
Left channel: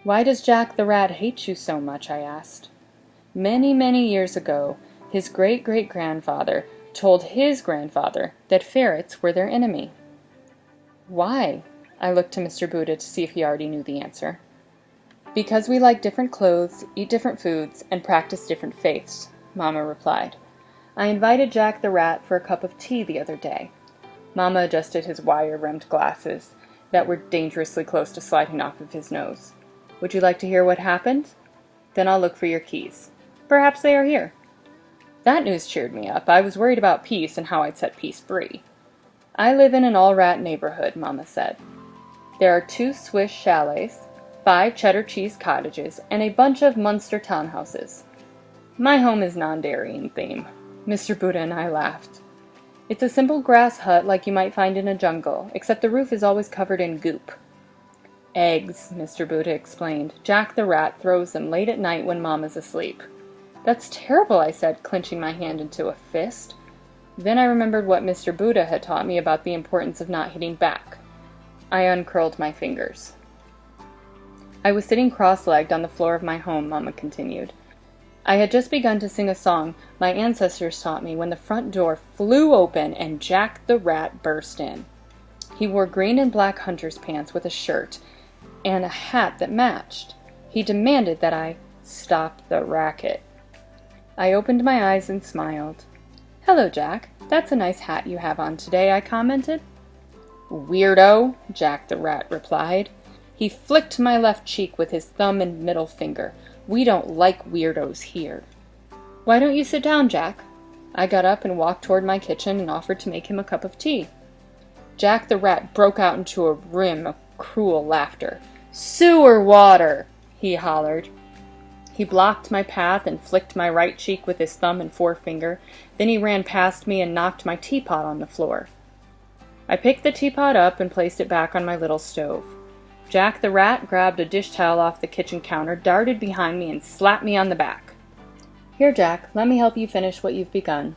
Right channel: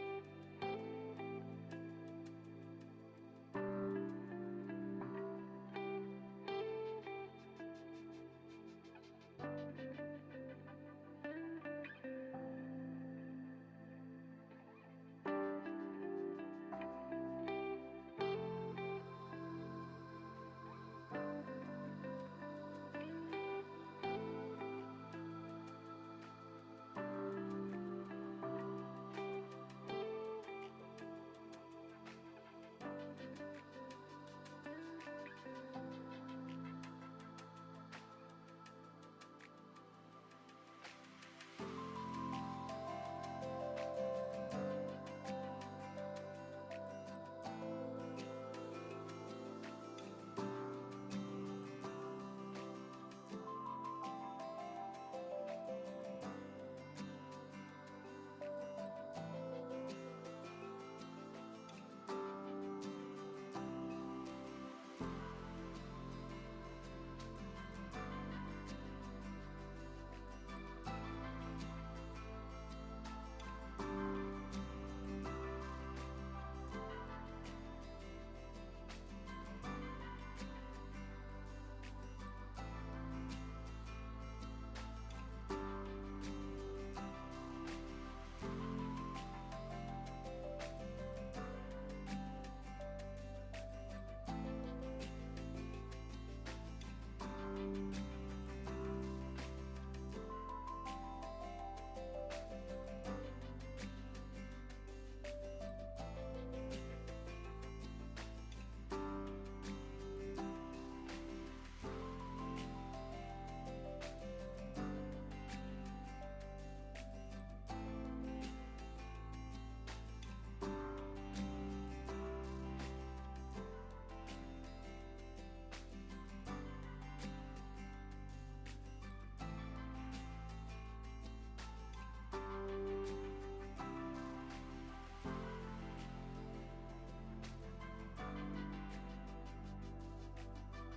"Why does Jack the rat hate you so much?" I asked. "Many, many years ago, his great-great-grandfather told his grandfather that ferrets were their enemy." "Why?" I looked to Mr. Buddha to see if he already knew the answer. "Because we like different clothes, eat different foods, and practice different faiths," Mama replied. "I invited Jack the rat for a cup of tea the other day." Mama adjusted his wire-rimmed glasses that were dangerously close to sliding off of his nose. "Would you like to hear what happened? Then I'll look for your keys. Perhaps they are here." That news cheered me up. I was worried about peace and how I'd set peace free. "I live in an all-rat neighborhood," Mama said. "There are 2 Swiss chalets, 5 cheddar cheese cottages, and a bunch of Munster townhouses. My home is non-dairy in theme." Mr. Buddha and I laughed. "It's a simple grass hut like you might find in a jungle, except the roof is always covered in goop." "Eggs," Mr. Buddha explained. "Jack the rat throws them late at night when Mama's asleep." "That's terrible," I said, clenching my hand into a fist. Then I remembered what Mr. Buddha had taught me about the importance of not hitting back. I uncurled my fingers. "I was sitting cross-legged on the floor of my home," Mama continued. "I had just begun to sing a song my ancestors taught me when the front door flew open and Jack the rat burst in. He wore green and black hunter's pants with a shirt and a hat that matched. He demanded that I stop the racket." I opened my eyes and smiled. "Hello, Jack. That's a nice hat you have on today," I commented. "Weirdo," Jack the rat replied. He flicked my left cheek with his thumb and middle finger. "We don't like weirdos here." "Why don't you sit down, Jack?" I got up and walked toward my kitchen and offered to make him a cup of tea. Jack the rat broke out into a rim of cruel laughter. "Sewer water!" he hollered. He blocked my path and flicked my right cheek with his thumb and forefinger. Then he ran past me and knocked my teapot on the floor. I picked the teapot up and placed it back on my little stove. Jack the Rat grabbed a dish towel off the kitchen counter, darted behind me, and slapped me on the back. "Here, Jack, let me help you finish what you've begun."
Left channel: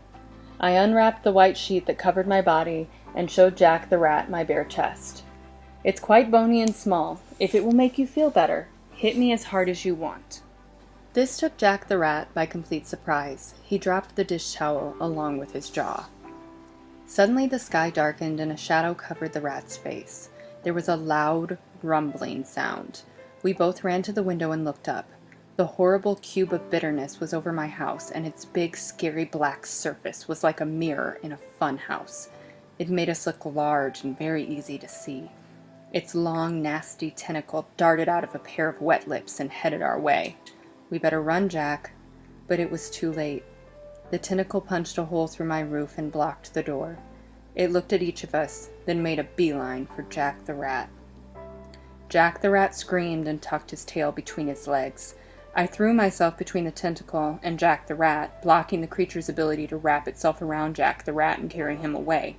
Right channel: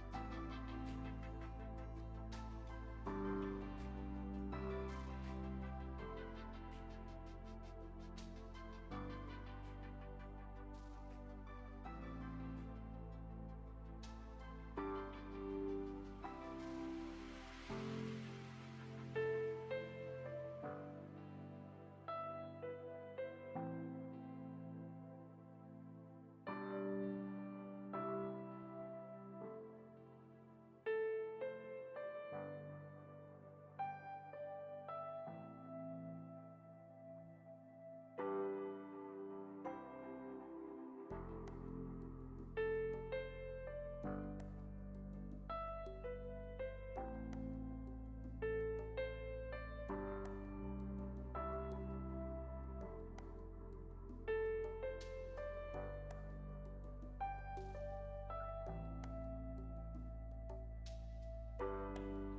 I unwrapped the white sheet that covered my body and showed Jack the Rat my bare chest. "It's quite bony and small. If it will make you feel better, hit me as hard as you want." This took Jack the Rat by complete surprise. He dropped the dish towel along with his jaw. Suddenly the sky darkened and a shadow covered the rat's face. There was a loud, rumbling sound. We both ran to the window and looked up. The horrible cube of bitterness was over my house, and its big, scary black surface was like a mirror in a fun house. It made us look large and very easy to see. Its long, nasty tentacle darted out of a pair of wet lips and headed our way. "We better run, Jack." But it was too late. The tentacle punched a hole through my roof and blocked the door. It looked at each of us, then made a beeline for Jack the Rat. Jack the Rat screamed and tucked his tail between his legs. I threw myself between the tentacle and Jack the Rat, blocking the creature's ability to wrap itself around Jack the Rat and carry him away.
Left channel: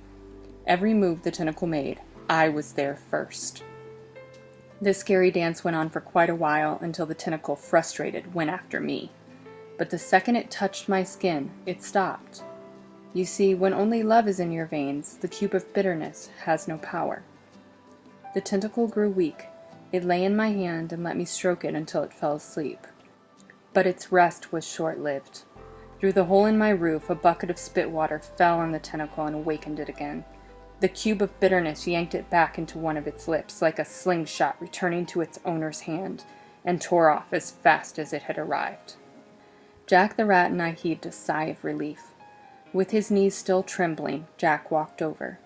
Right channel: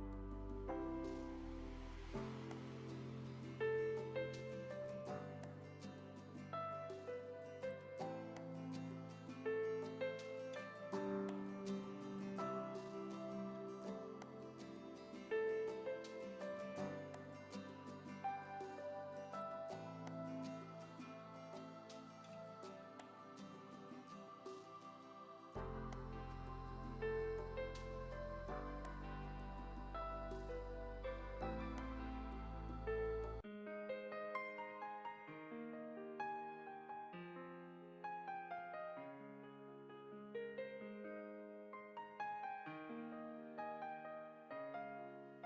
Every move the tentacle made, I was there first. This scary dance went on for quite a while until the tentacle, frustrated, went after me. But the second it touched my skin, it stopped. You see, when only love is in your veins, the cube of bitterness has no power. The tentacle grew weak. It lay in my hand and let me stroke it until it fell asleep. But its rest was short-lived. Through the hole in my roof, a bucket of spit water fell on the tentacle and awakened it again. The cube of bitterness yanked it back into one of its lips, like a slingshot returning to its owner's hand, and tore off as fast as it had arrived. Jack the Rat and I heaved a sigh of relief. With his knees still trembling, Jack walked over.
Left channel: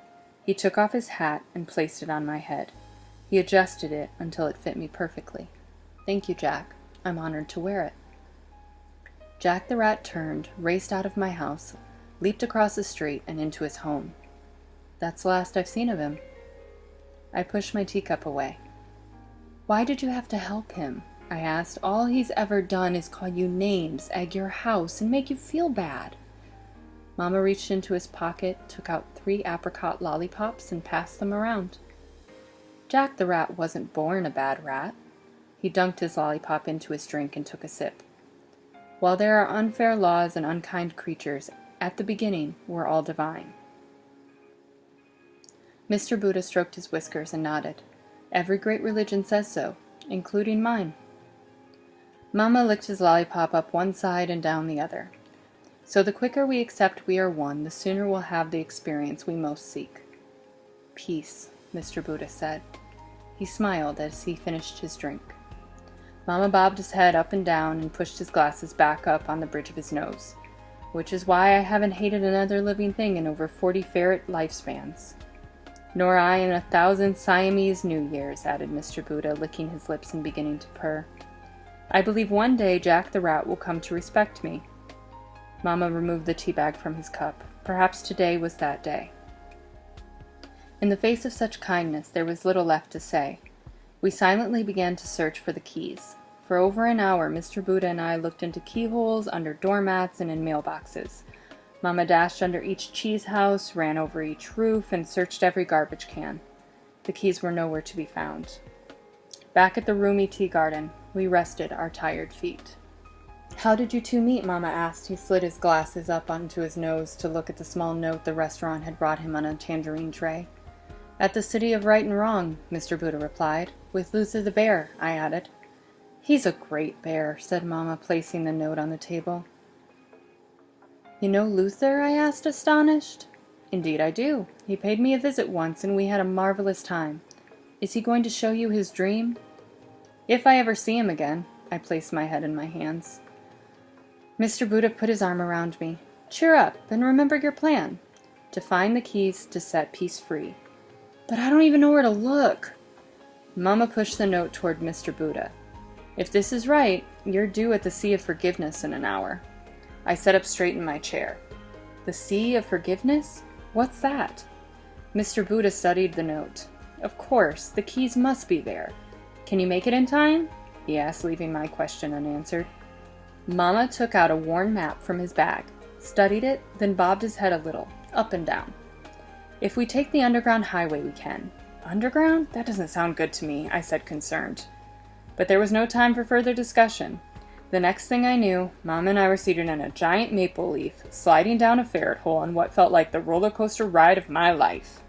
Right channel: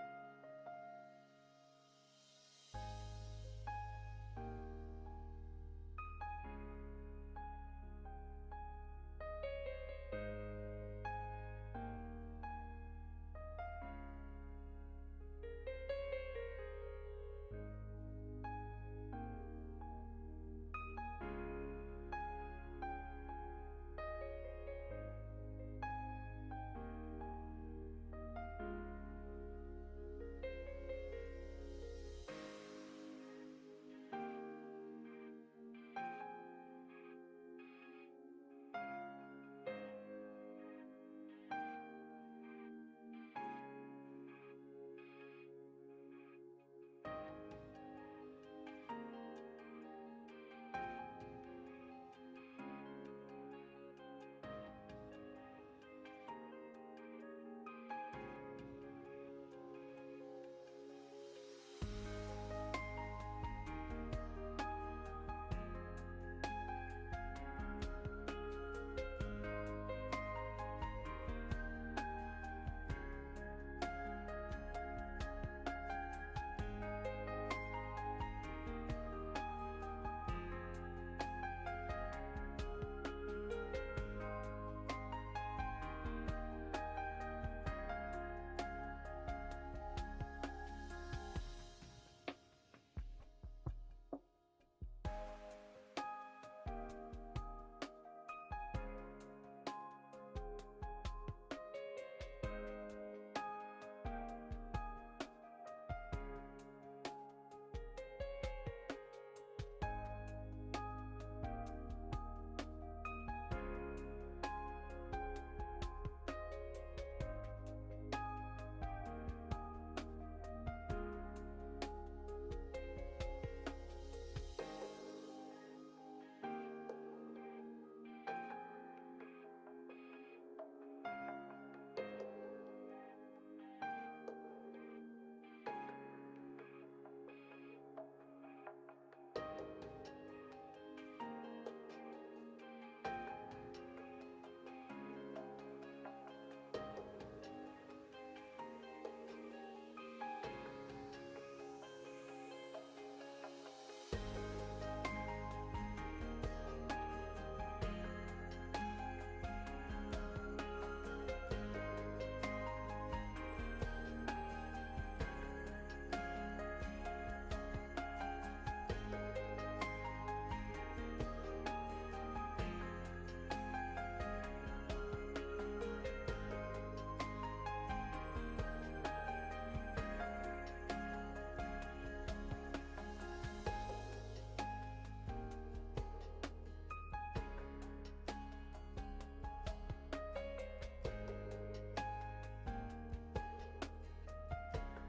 He took off his hat and placed it on my head. He adjusted it until it fit me perfectly. "Thank you, Jack. I'm honored to wear it." Jack the Rat turned, raced out of my house, leaped across the street and into his home. That's the last I've seen of him. I pushed my teacup away. "Why did you have to help him?" I asked. "All he's ever done is call you names, egg your house, and make you feel bad." Mama reached into his pocket, took out 3 apricot lollipops, and passed them around. Jack the Rat wasn't born a bad rat. He dunked his lollipop into his drink and took a sip. While there are unfair laws and unkind creatures, at the beginning we're all divine. Mr. Buddha stroked his whiskers and nodded. "Every great religion says so, including mine." Mama licked his lollipop up one side and down the other. "So the quicker we accept we are one, the sooner we'll have the experience we most seek." "Peace," Mr. Buddha said. He smiled as he finished his drink. Mama bobbed his head up and down and pushed his glasses back up on the bridge of his nose. "Which is why I haven't hated another living thing in over 40 ferret lifespans." "Nor I in 1,000 Siamese New Years," added Mr. Buddha, licking his lips and beginning to purr. "I believe one day Jack the Rat will come to respect me." Mama removed the tea bag from his cup. Perhaps today was that day. In the face of such kindness, there was little left to say. We silently began to search for the keys. For over an hour, Mr. Buddha and I looked into keyholes, under doormats, and in mailboxes. Mama dashed under each cheese house, ran over each roof, and searched every garbage can. The keys were nowhere to be found. Back at the roomy tea garden, we rested our tired feet. "How did you two meet?" Mama asked. He slid his glasses up onto his nose to look at the small note the restaurant had brought him on a tangerine tray. "At the City of Right and Wrong," Mr. Buddha replied. "With Luther the bear," I added. "He's a great bear," said Mama, placing the note on the table. "You know Luther?" I asked, astonished. "Indeed I do. He paid me a visit once, and we had a marvelous time. Is he going to show you his dream?" "If I ever see him again." I placed my head in my hands. Mr. Buddha put his arm around me. "Cheer up, and remember your plan. To find the keys to set peace free." "But I don't even know where to look." Mama pushed the note toward Mr. Buddha. "If this is right, you're due at the Sea of Forgiveness in an hour." I sat up straight in my chair. "The Sea of Forgiveness? What's that?" Mr. Buddha studied the note. "Of course, the keys must be there. Can you make it in time?" he asked, leaving my question unanswered. Mama took out a worn map from his bag, studied it, then bobbed his head a little, up and down. If we take the underground highway, we can. Underground? That doesn't sound good to me, I said, concerned. But there was no time for further discussion. The next thing I knew, Mom and I were seated in a giant maple leaf, sliding down a ferret hole on what felt like the roller coaster ride of my life.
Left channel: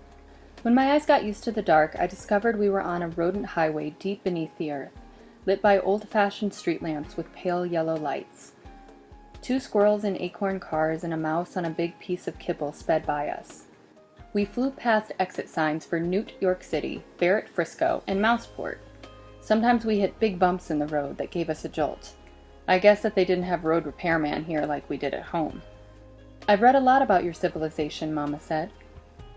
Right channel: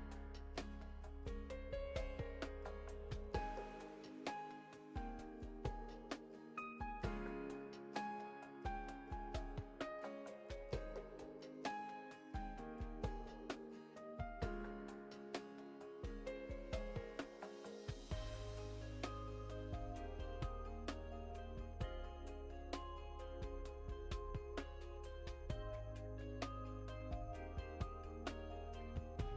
When my eyes got used to the dark, I discovered we were on a rodent highway deep beneath the earth, lit by old-fashioned street lamps with pale yellow lights. 2 squirrels in acorn cars and a mouse on a big piece of kibble sped by us. We flew past exit signs for Newt, York City, Barrett, Frisco, and Mouseport. Sometimes we hit big bumps in the road that gave us a jolt. I guess that they didn't have road repairman here like we did at home. I've read a lot about your civilization, Mama said.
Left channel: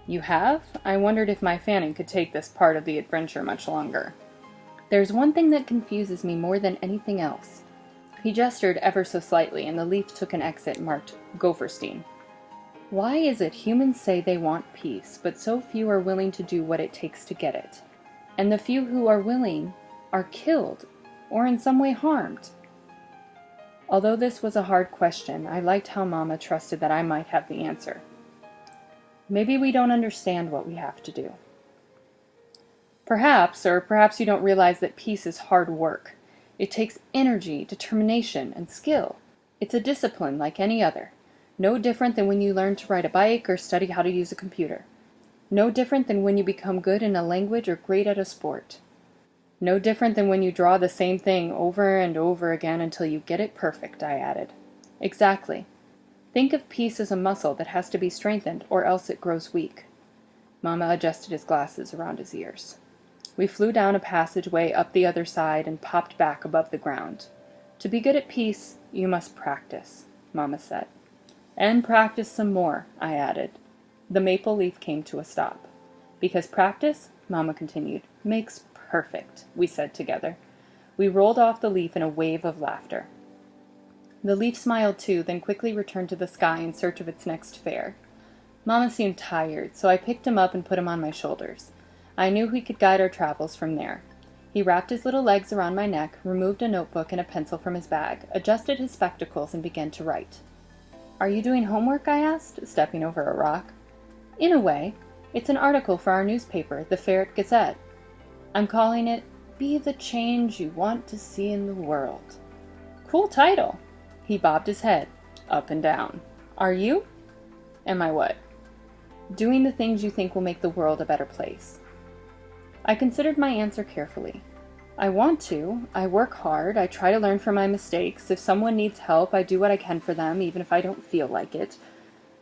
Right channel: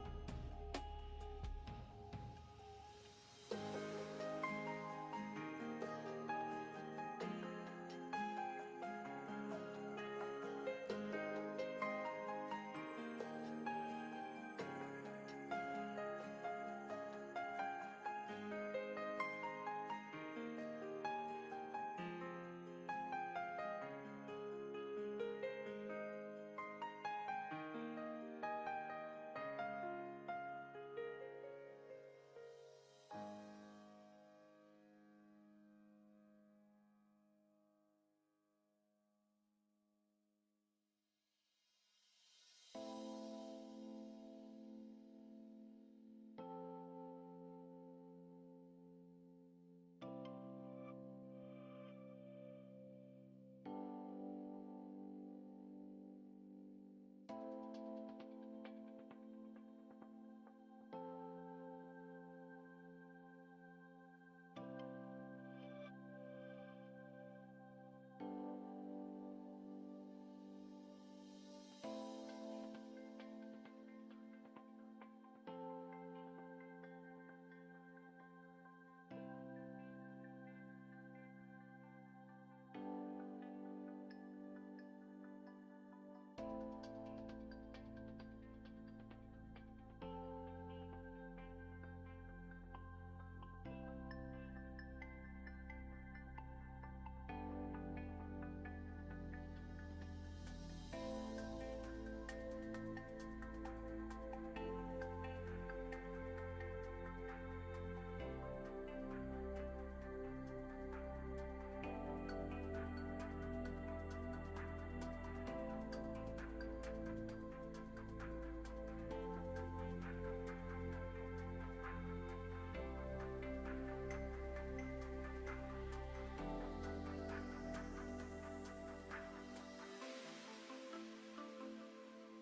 You have? I wondered if my Fanning could take this part of the adventure much longer. There's one thing that confuses me more than anything else. He gestured ever so slightly, and the leaf took an exit marked Gopherstein. Why is it humans say they want peace, but so few are willing to do what it takes to get it? And the few who are willing are killed, or in some way harmed. Although this was a hard question, I liked how Mama trusted that I might have the answer. Maybe we don't understand what we have to do. Perhaps you don't realize that peace is hard work. It takes energy, determination, and skill. It's a discipline like any other. No different than when you learn to ride a bike or study how to use a computer. No different than when you become good in a language or great at a sport. No different than when you draw the same thing over and over again until you get it perfect, I added. Exactly. Think of peace as a muscle that has to be strengthened or else it grows weak. Mama adjusted his glasses around his ears. We flew down a passageway up the other side and popped back above the ground. To be good at peace, you must practice, Mama said. And practice some more, I added. The maple leaf came to a stop. Because practice, Mama continued, makes perfect, we said together. We rolled off the leaf in a wave of laughter. The leaf smiled too, then quickly returned to the sky in search of its next fare. Mama seemed tired, so I picked him up and put him on my shoulders. I knew he could guide our travels from there. He wrapped his little legs around my neck, removed a notebook and a pencil from his bag, adjusted his spectacles, and began to write. Are you doing homework? I asked, stepping over a rock. In a way. It's an article for our newspaper, the Ferret Gazette. I'm calling it, Be the Change You Want to See in the World. Cool title. He bobbed his head, up and down. Are you? Am I what? Doing the things you think will make the world a better place. I considered my answer carefully. I want to. I work hard. I try to learn from my mistakes. If someone needs help, I do what I can for them, even if I don't feel like it.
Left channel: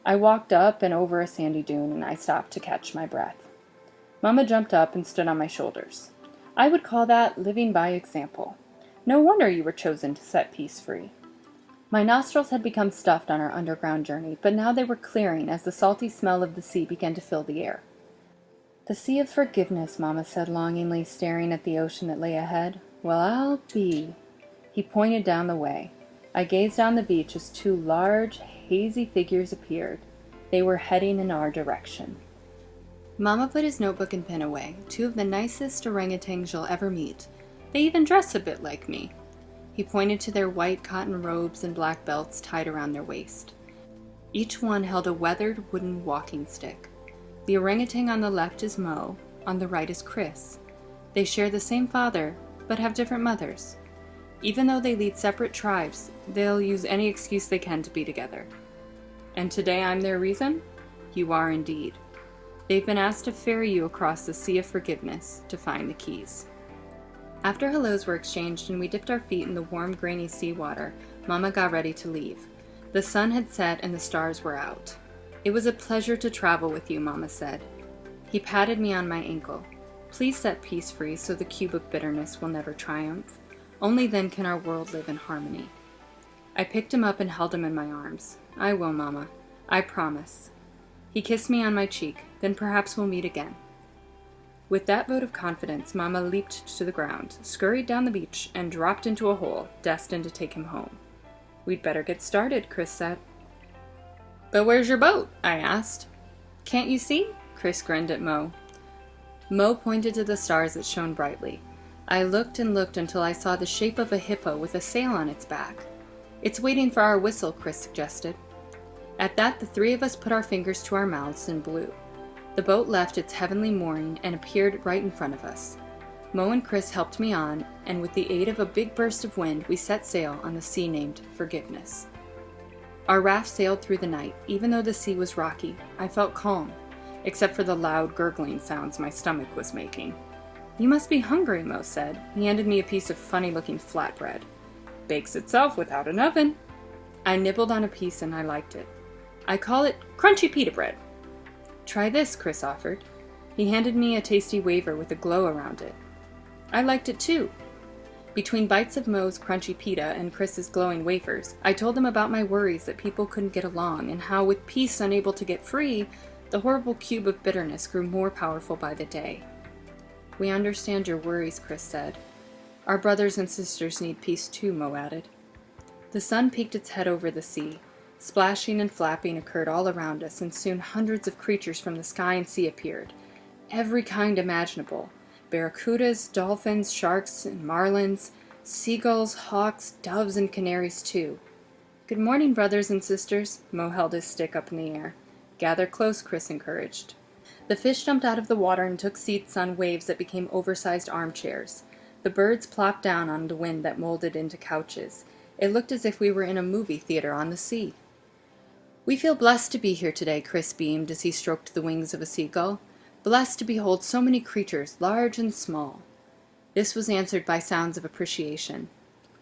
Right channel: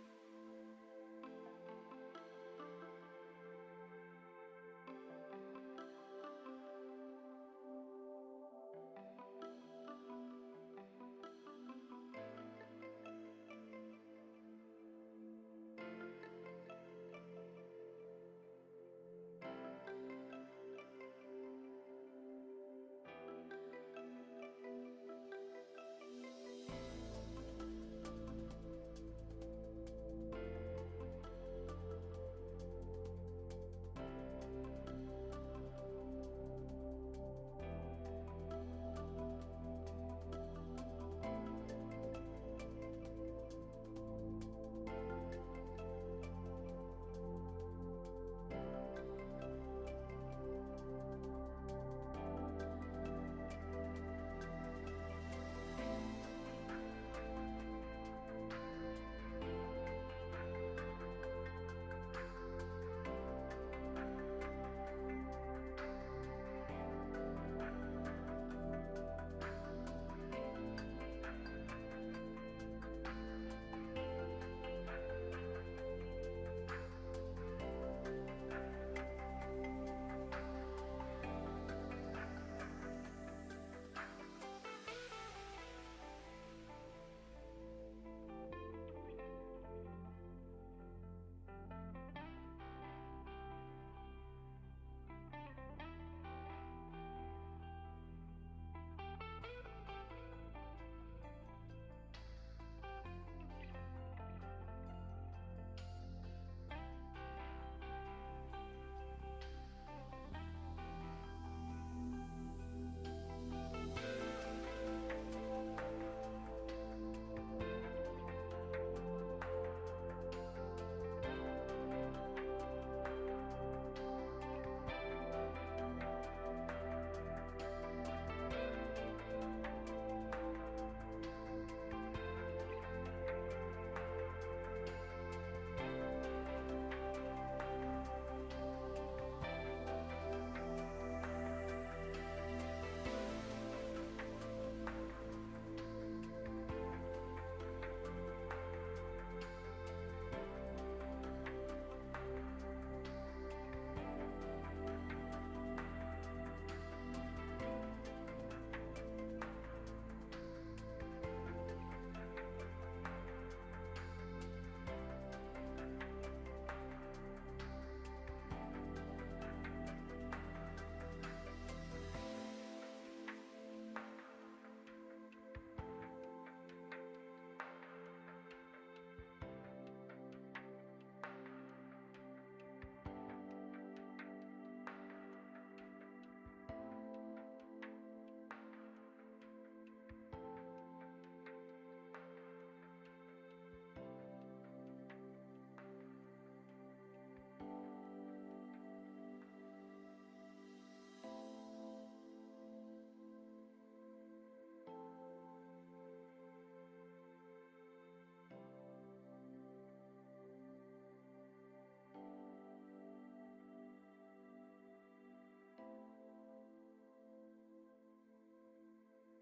I walked up and over a sandy dune, and I stopped to catch my breath. Mama jumped up and stood on my shoulders. I would call that living by example. No wonder you were chosen to set peace free. My nostrils had become stuffed on our underground journey, but now they were clearing as the salty smell of the sea began to fill the air. The sea of forgiveness, Mama said longingly, staring at the ocean that lay ahead. Well, I'll be. He pointed down the way. I gazed down the beach as 2 large, hazy figures appeared. They were heading in our direction. Mama put his notebook and pen away. 2 of the nicest orangutans you'll ever meet. They even dress a bit like me. He pointed to their white cotton robes and black belts tied around their waist. Each one held a weathered wooden walking stick. The orangutan on the left is Mo, on the right is Chris. They share the same father, but have different mothers. Even though they lead separate tribes, they'll use any excuse they can to be together. And today I'm their reason? You are indeed. They've been asked to ferry you across the sea of forgiveness to find the keys. After hellos were exchanged and we dipped our feet in the warm, grainy seawater, Mama got ready to leave. The sun had set and the stars were out. It was a pleasure to travel with you, Mama said. He patted me on my ankle. Please set peace free so the cubic bitterness will never triumph. Only then can our world live in harmony. I picked him up and held him in my arms. I will, Mama. I promise. He kissed me on my cheek. Then perhaps we'll meet again. With that vote of confidence, Mama leaped to the ground, scurried down the beach, and dropped into a hole, destined to take him home. We'd better get started, Chris said. But where's your boat? I asked. Can't you see? Chris grinned at Mo. Mo pointed to the stars that shone brightly. I looked and looked until I saw the shape of a hippo with a sail on its back. It's waiting for our whistle, Chris suggested. At that, the 3 of us put our fingers to our mouths and blew. The boat left its heavenly mooring and appeared right in front of us. Mo and Chris helped me on, and with the aid of a big burst of wind, we set sail on the sea named Forgiveness. Our raft sailed through the night. Even though the sea was rocky, I felt calm, except for the loud gurgling sounds my stomach was making. "You must be hungry," Mo said. He handed me a piece of funny-looking flatbread. "Bakes itself without an oven." I nibbled on a piece and I liked it. "I call it crunchy pita bread." "Try this," Chris offered. He handed me a tasty wafer with a glow around it. I liked it too. Between bites of Mo's crunchy pita and Chris's glowing wafers, I told them about my worries that people couldn't get along and how, with peace unable to get free, the horrible cube of bitterness grew more powerful by the day. "We understand your worries," Chris said. "Our brothers and sisters need peace too," Mo added. The sun peeked its head over the sea. Splashing and flapping occurred all around us, and soon hundreds of creatures from the sky and sea appeared. Every kind imaginable. Barracudas, dolphins, sharks, and marlins, seagulls, hawks, doves, and canaries too. "Good morning, brothers and sisters." Mo held his stick up in the air. "Gather close," Chris encouraged. The fish jumped out of the water and took seats on waves that became oversized armchairs. The birds plopped down on the wind that molded into couches. It looked as if we were in a movie theater on the sea. "We feel blessed to be here today," Chris beamed as he stroked the wings of a seagull. "Blessed to behold so many creatures, large and small." This was answered by sounds of appreciation.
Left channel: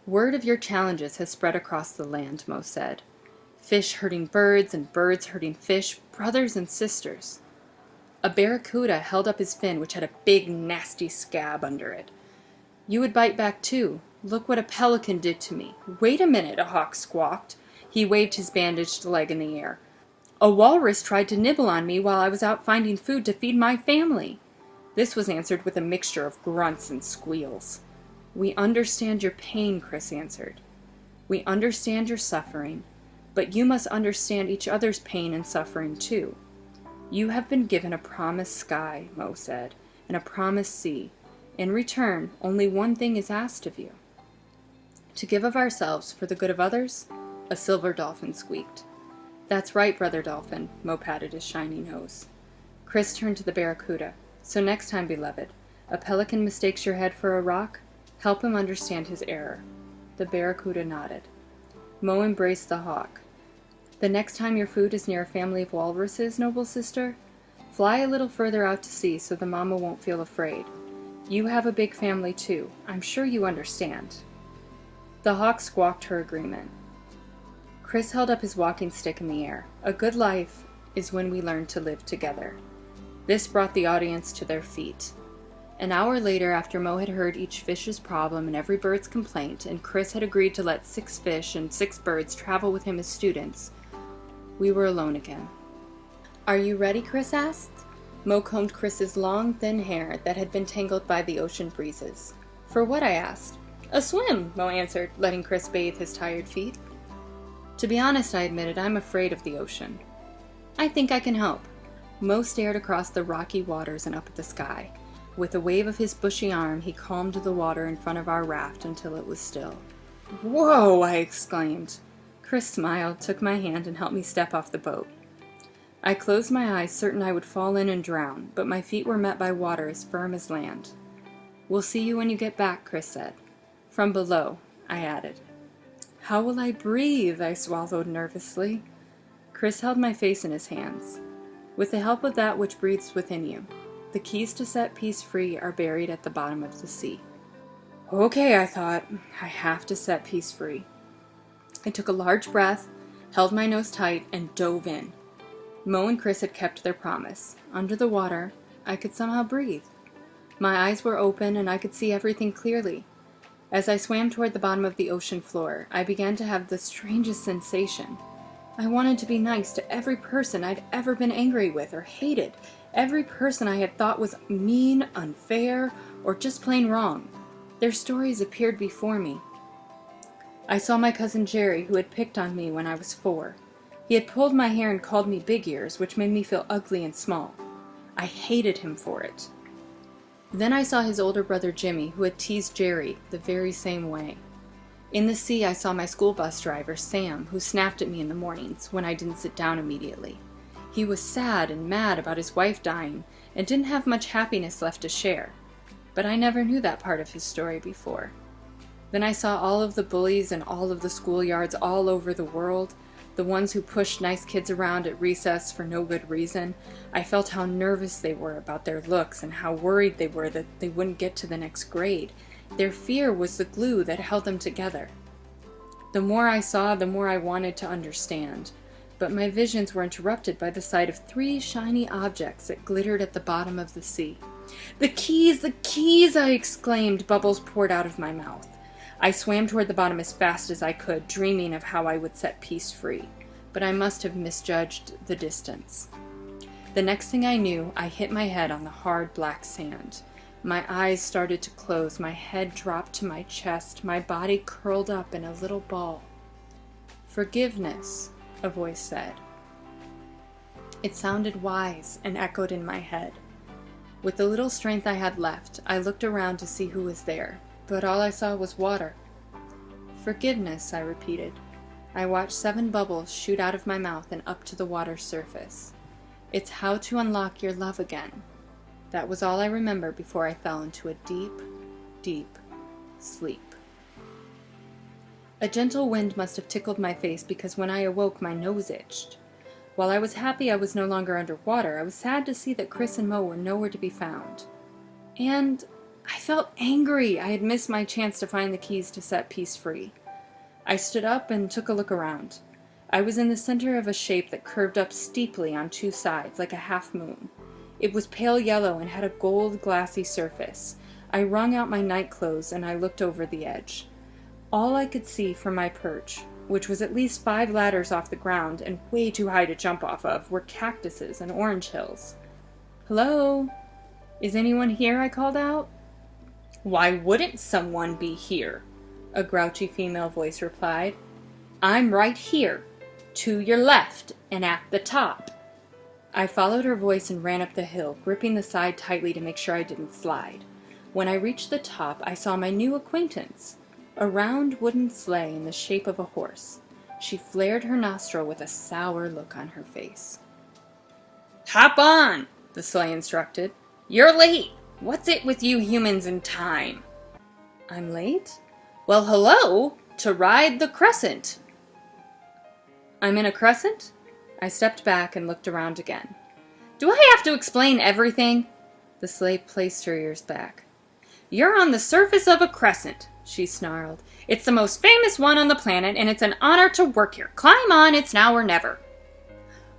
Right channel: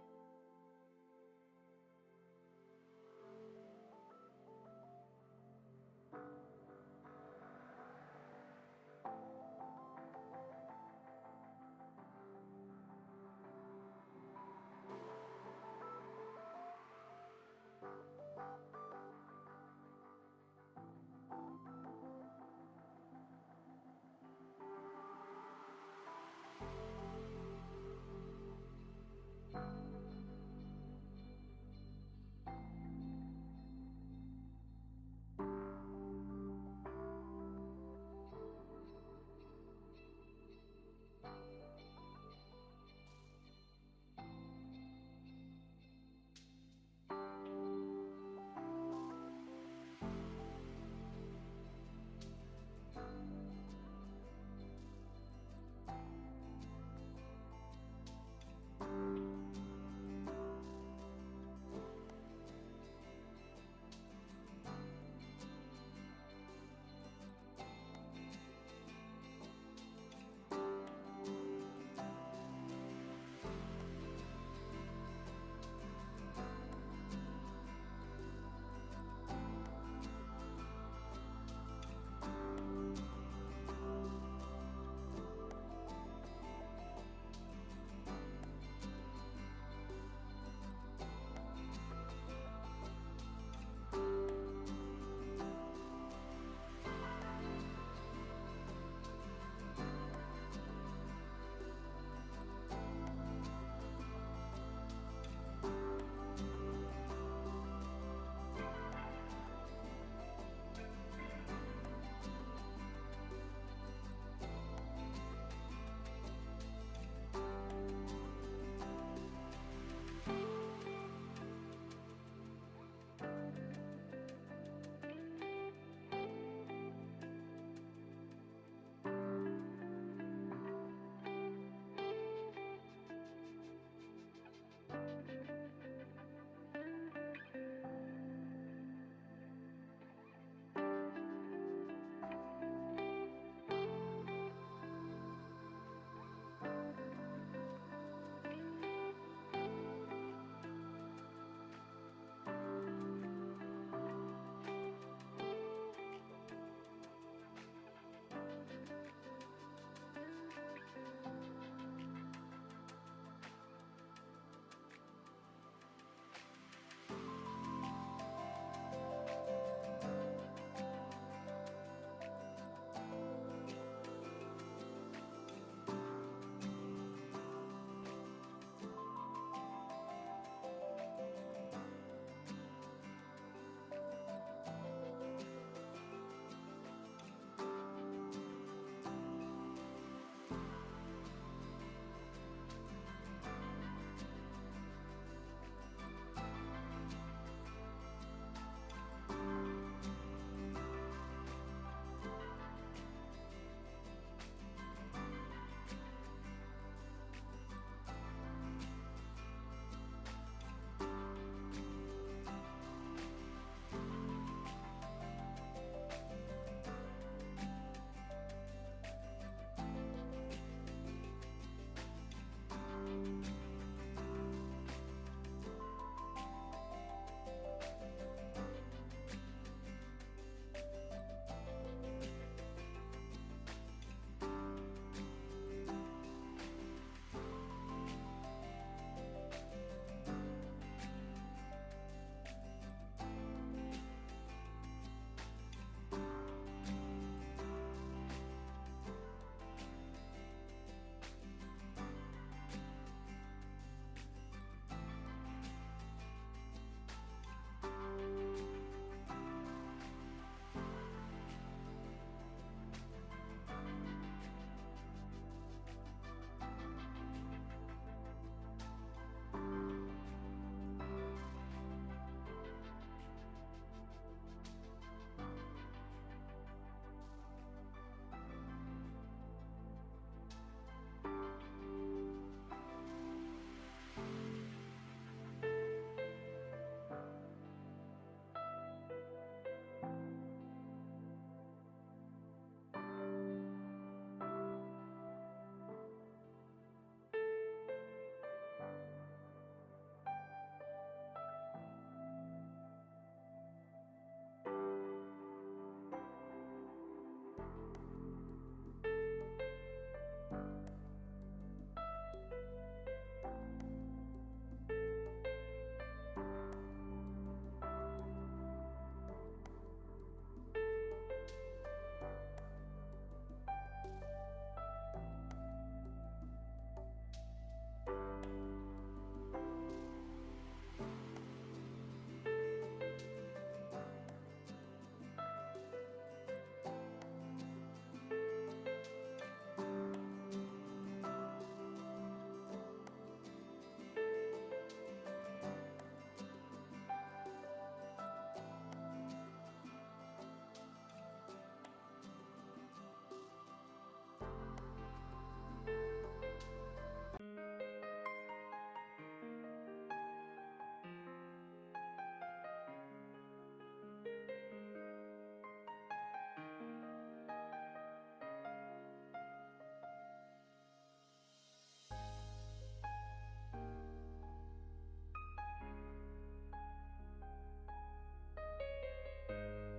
"Word of your challenges has spread across the land," Mo said. "Fish hurting birds and birds hurting fish, brothers and sisters." A barracuda held up his fin, which had a big, nasty scab under it. "You would bite back too. Look what a pelican did to me." "Wait a minute," a hawk squawked. He waved his bandaged leg in the air. "A walrus tried to nibble on me while I was out finding food to feed my family." This was answered with a mixture of grunts and squeals. "We understand your pain," Chris answered. "We understand your suffering, but you must understand each other's pain and suffering too. You have been given a promised sky," Mo said, "and a promised sea. In return, only one thing is asked of you. To give of ourselves for the good of others." A silver dolphin squeaked. "That's right, Brother Dolphin," Mo patted his shiny nose. Chris turned to the barracuda. "So next time, beloved, a pelican mistakes your head for a rock, help him understand his error." The barracuda nodded. Mo embraced the hawk. "The next time your food is near a family of walruses, noble sister, fly a little further out to sea so the mama won't feel afraid. You have a big family too. I'm sure you understand." The hawk squawked her agreement. Chris held up his walking stick in the air. "A good life is when we learn to live together." This brought the audience to their feet. An hour later, after Mo had heard each fish's problem and every bird's complaint, and Chris had agreed to let 6 fish and 6 birds travel with him as students, we were alone again. "Are you ready?" Chris asked. Mo combed Chris's long, thin hair that had been tangled by the ocean breezes. "For what?" I asked. "A swim," Mo answered, letting Chris bathe his tired feet. "To be honest," I admitted, "I'm afraid of the ocean." "I think I can help." Mo stared across the rocky waters and up at the sky. With a wave of his bushy arm, he calmed the water in front of our raft until it was still. "Whoa!" I exclaimed. Chris smiled, took my hand, and helped me step off the boat. I closed my eyes, certain I would fall in and drown, but my feet were met by water as firm as land. "We'll see you when you get back," Chris said. "From below," I added. "How will I breathe?" I swallowed nervously. Chris held my face in his hands. "With the help of that which breathes within you. The keys to set peace free are buried at the bottom of the sea." Okay, I thought, I have to set peace free. I took a large breath, held my nose tight, and dove in. Mo and Chris had kept their promise. Under the water, I could somehow breathe. My eyes were open and I could see everything clearly. As I swam toward the bottom of the ocean floor, I began to have the strangest sensation. I wanted to be nice to every person I'd ever been angry with or hated, every person I had thought was mean, unfair, or just plain wrong. Their stories appeared before me. I saw my cousin Jerry, who had picked on me when I was 4. He had pulled my hair and called me Big Ears, which made me feel ugly and small. I hated him for it. Then I saw his older brother Jimmy, who had teased Jerry the very same way. In the sea, I saw my school bus driver, Sam, who snapped at me in the mornings when I didn't sit down immediately. He was sad and mad about his wife dying, and didn't have much happiness left to share. But I never knew that part of his story before. Then I saw all of the bullies in all of the schoolyards all over the world, the ones who pushed nice kids around at recess for no good reason. I felt how nervous they were about their looks and how worried they were that they wouldn't get to the next grade. Their fear was the glue that held them together. The more I saw, the more I wanted to understand. But my visions were interrupted by the sight of 3 shiny objects that glittered at the bottom of the sea. "The keys! The keys!" I exclaimed. Bubbles poured out of my mouth. I swam toward the bottom as fast as I could, dreaming of how I would set Peace free. But I must have misjudged the distance. The next thing I knew, I hit my head on the hard black sand. My eyes started to close, my head dropped to my chest, my body curled up in a little ball. "Forgiveness," a voice said. It sounded wise and echoed in my head. With the little strength I had left, I looked around to see who was there, but all I saw was water. "Forgiveness," I repeated. I watched 7 bubbles shoot out of my mouth and up to the water's surface. It's how to unlock your love again. That was all I remember before I fell into a deep, deep sleep. A gentle wind must have tickled my face because when I awoke, my nose itched. While I was happy I was no longer underwater, I was sad to see that Chris and Mo were nowhere to be found. And I felt angry. I had missed my chance to find the keys to set Peace free. I stood up and took a look around. I was in the center of a shape that curved up steeply on 2 sides, like a half moon. It was pale yellow and had a gold glassy surface. I wrung out my night clothes and I looked over the edge. All I could see from my perch, which was at least 5 ladders off the ground and way too high to jump off of, were cactuses and orange hills. "Hello? Is anyone here?" I called out. "Why wouldn't someone be here?" a grouchy female voice replied. "I'm right here, to your left and at the top." I followed her voice and ran up the hill, gripping the side tightly to make sure I didn't slide. When I reached the top, I saw my new acquaintance, a round wooden sleigh in the shape of a horse. She flared her nostril with a sour look on her face. "Hop on," the sleigh instructed. "You're late. What's it with you humans and time?" "I'm late?" "Well, hello, to ride the crescent." "I'm in a crescent?" I stepped back and looked around again. "Do I have to explain everything?" The sleigh placed her ears back. "You're on the surface of a crescent," she snarled. "It's the most famous one on the planet, and it's an honor to work here. Climb on, it's now or never."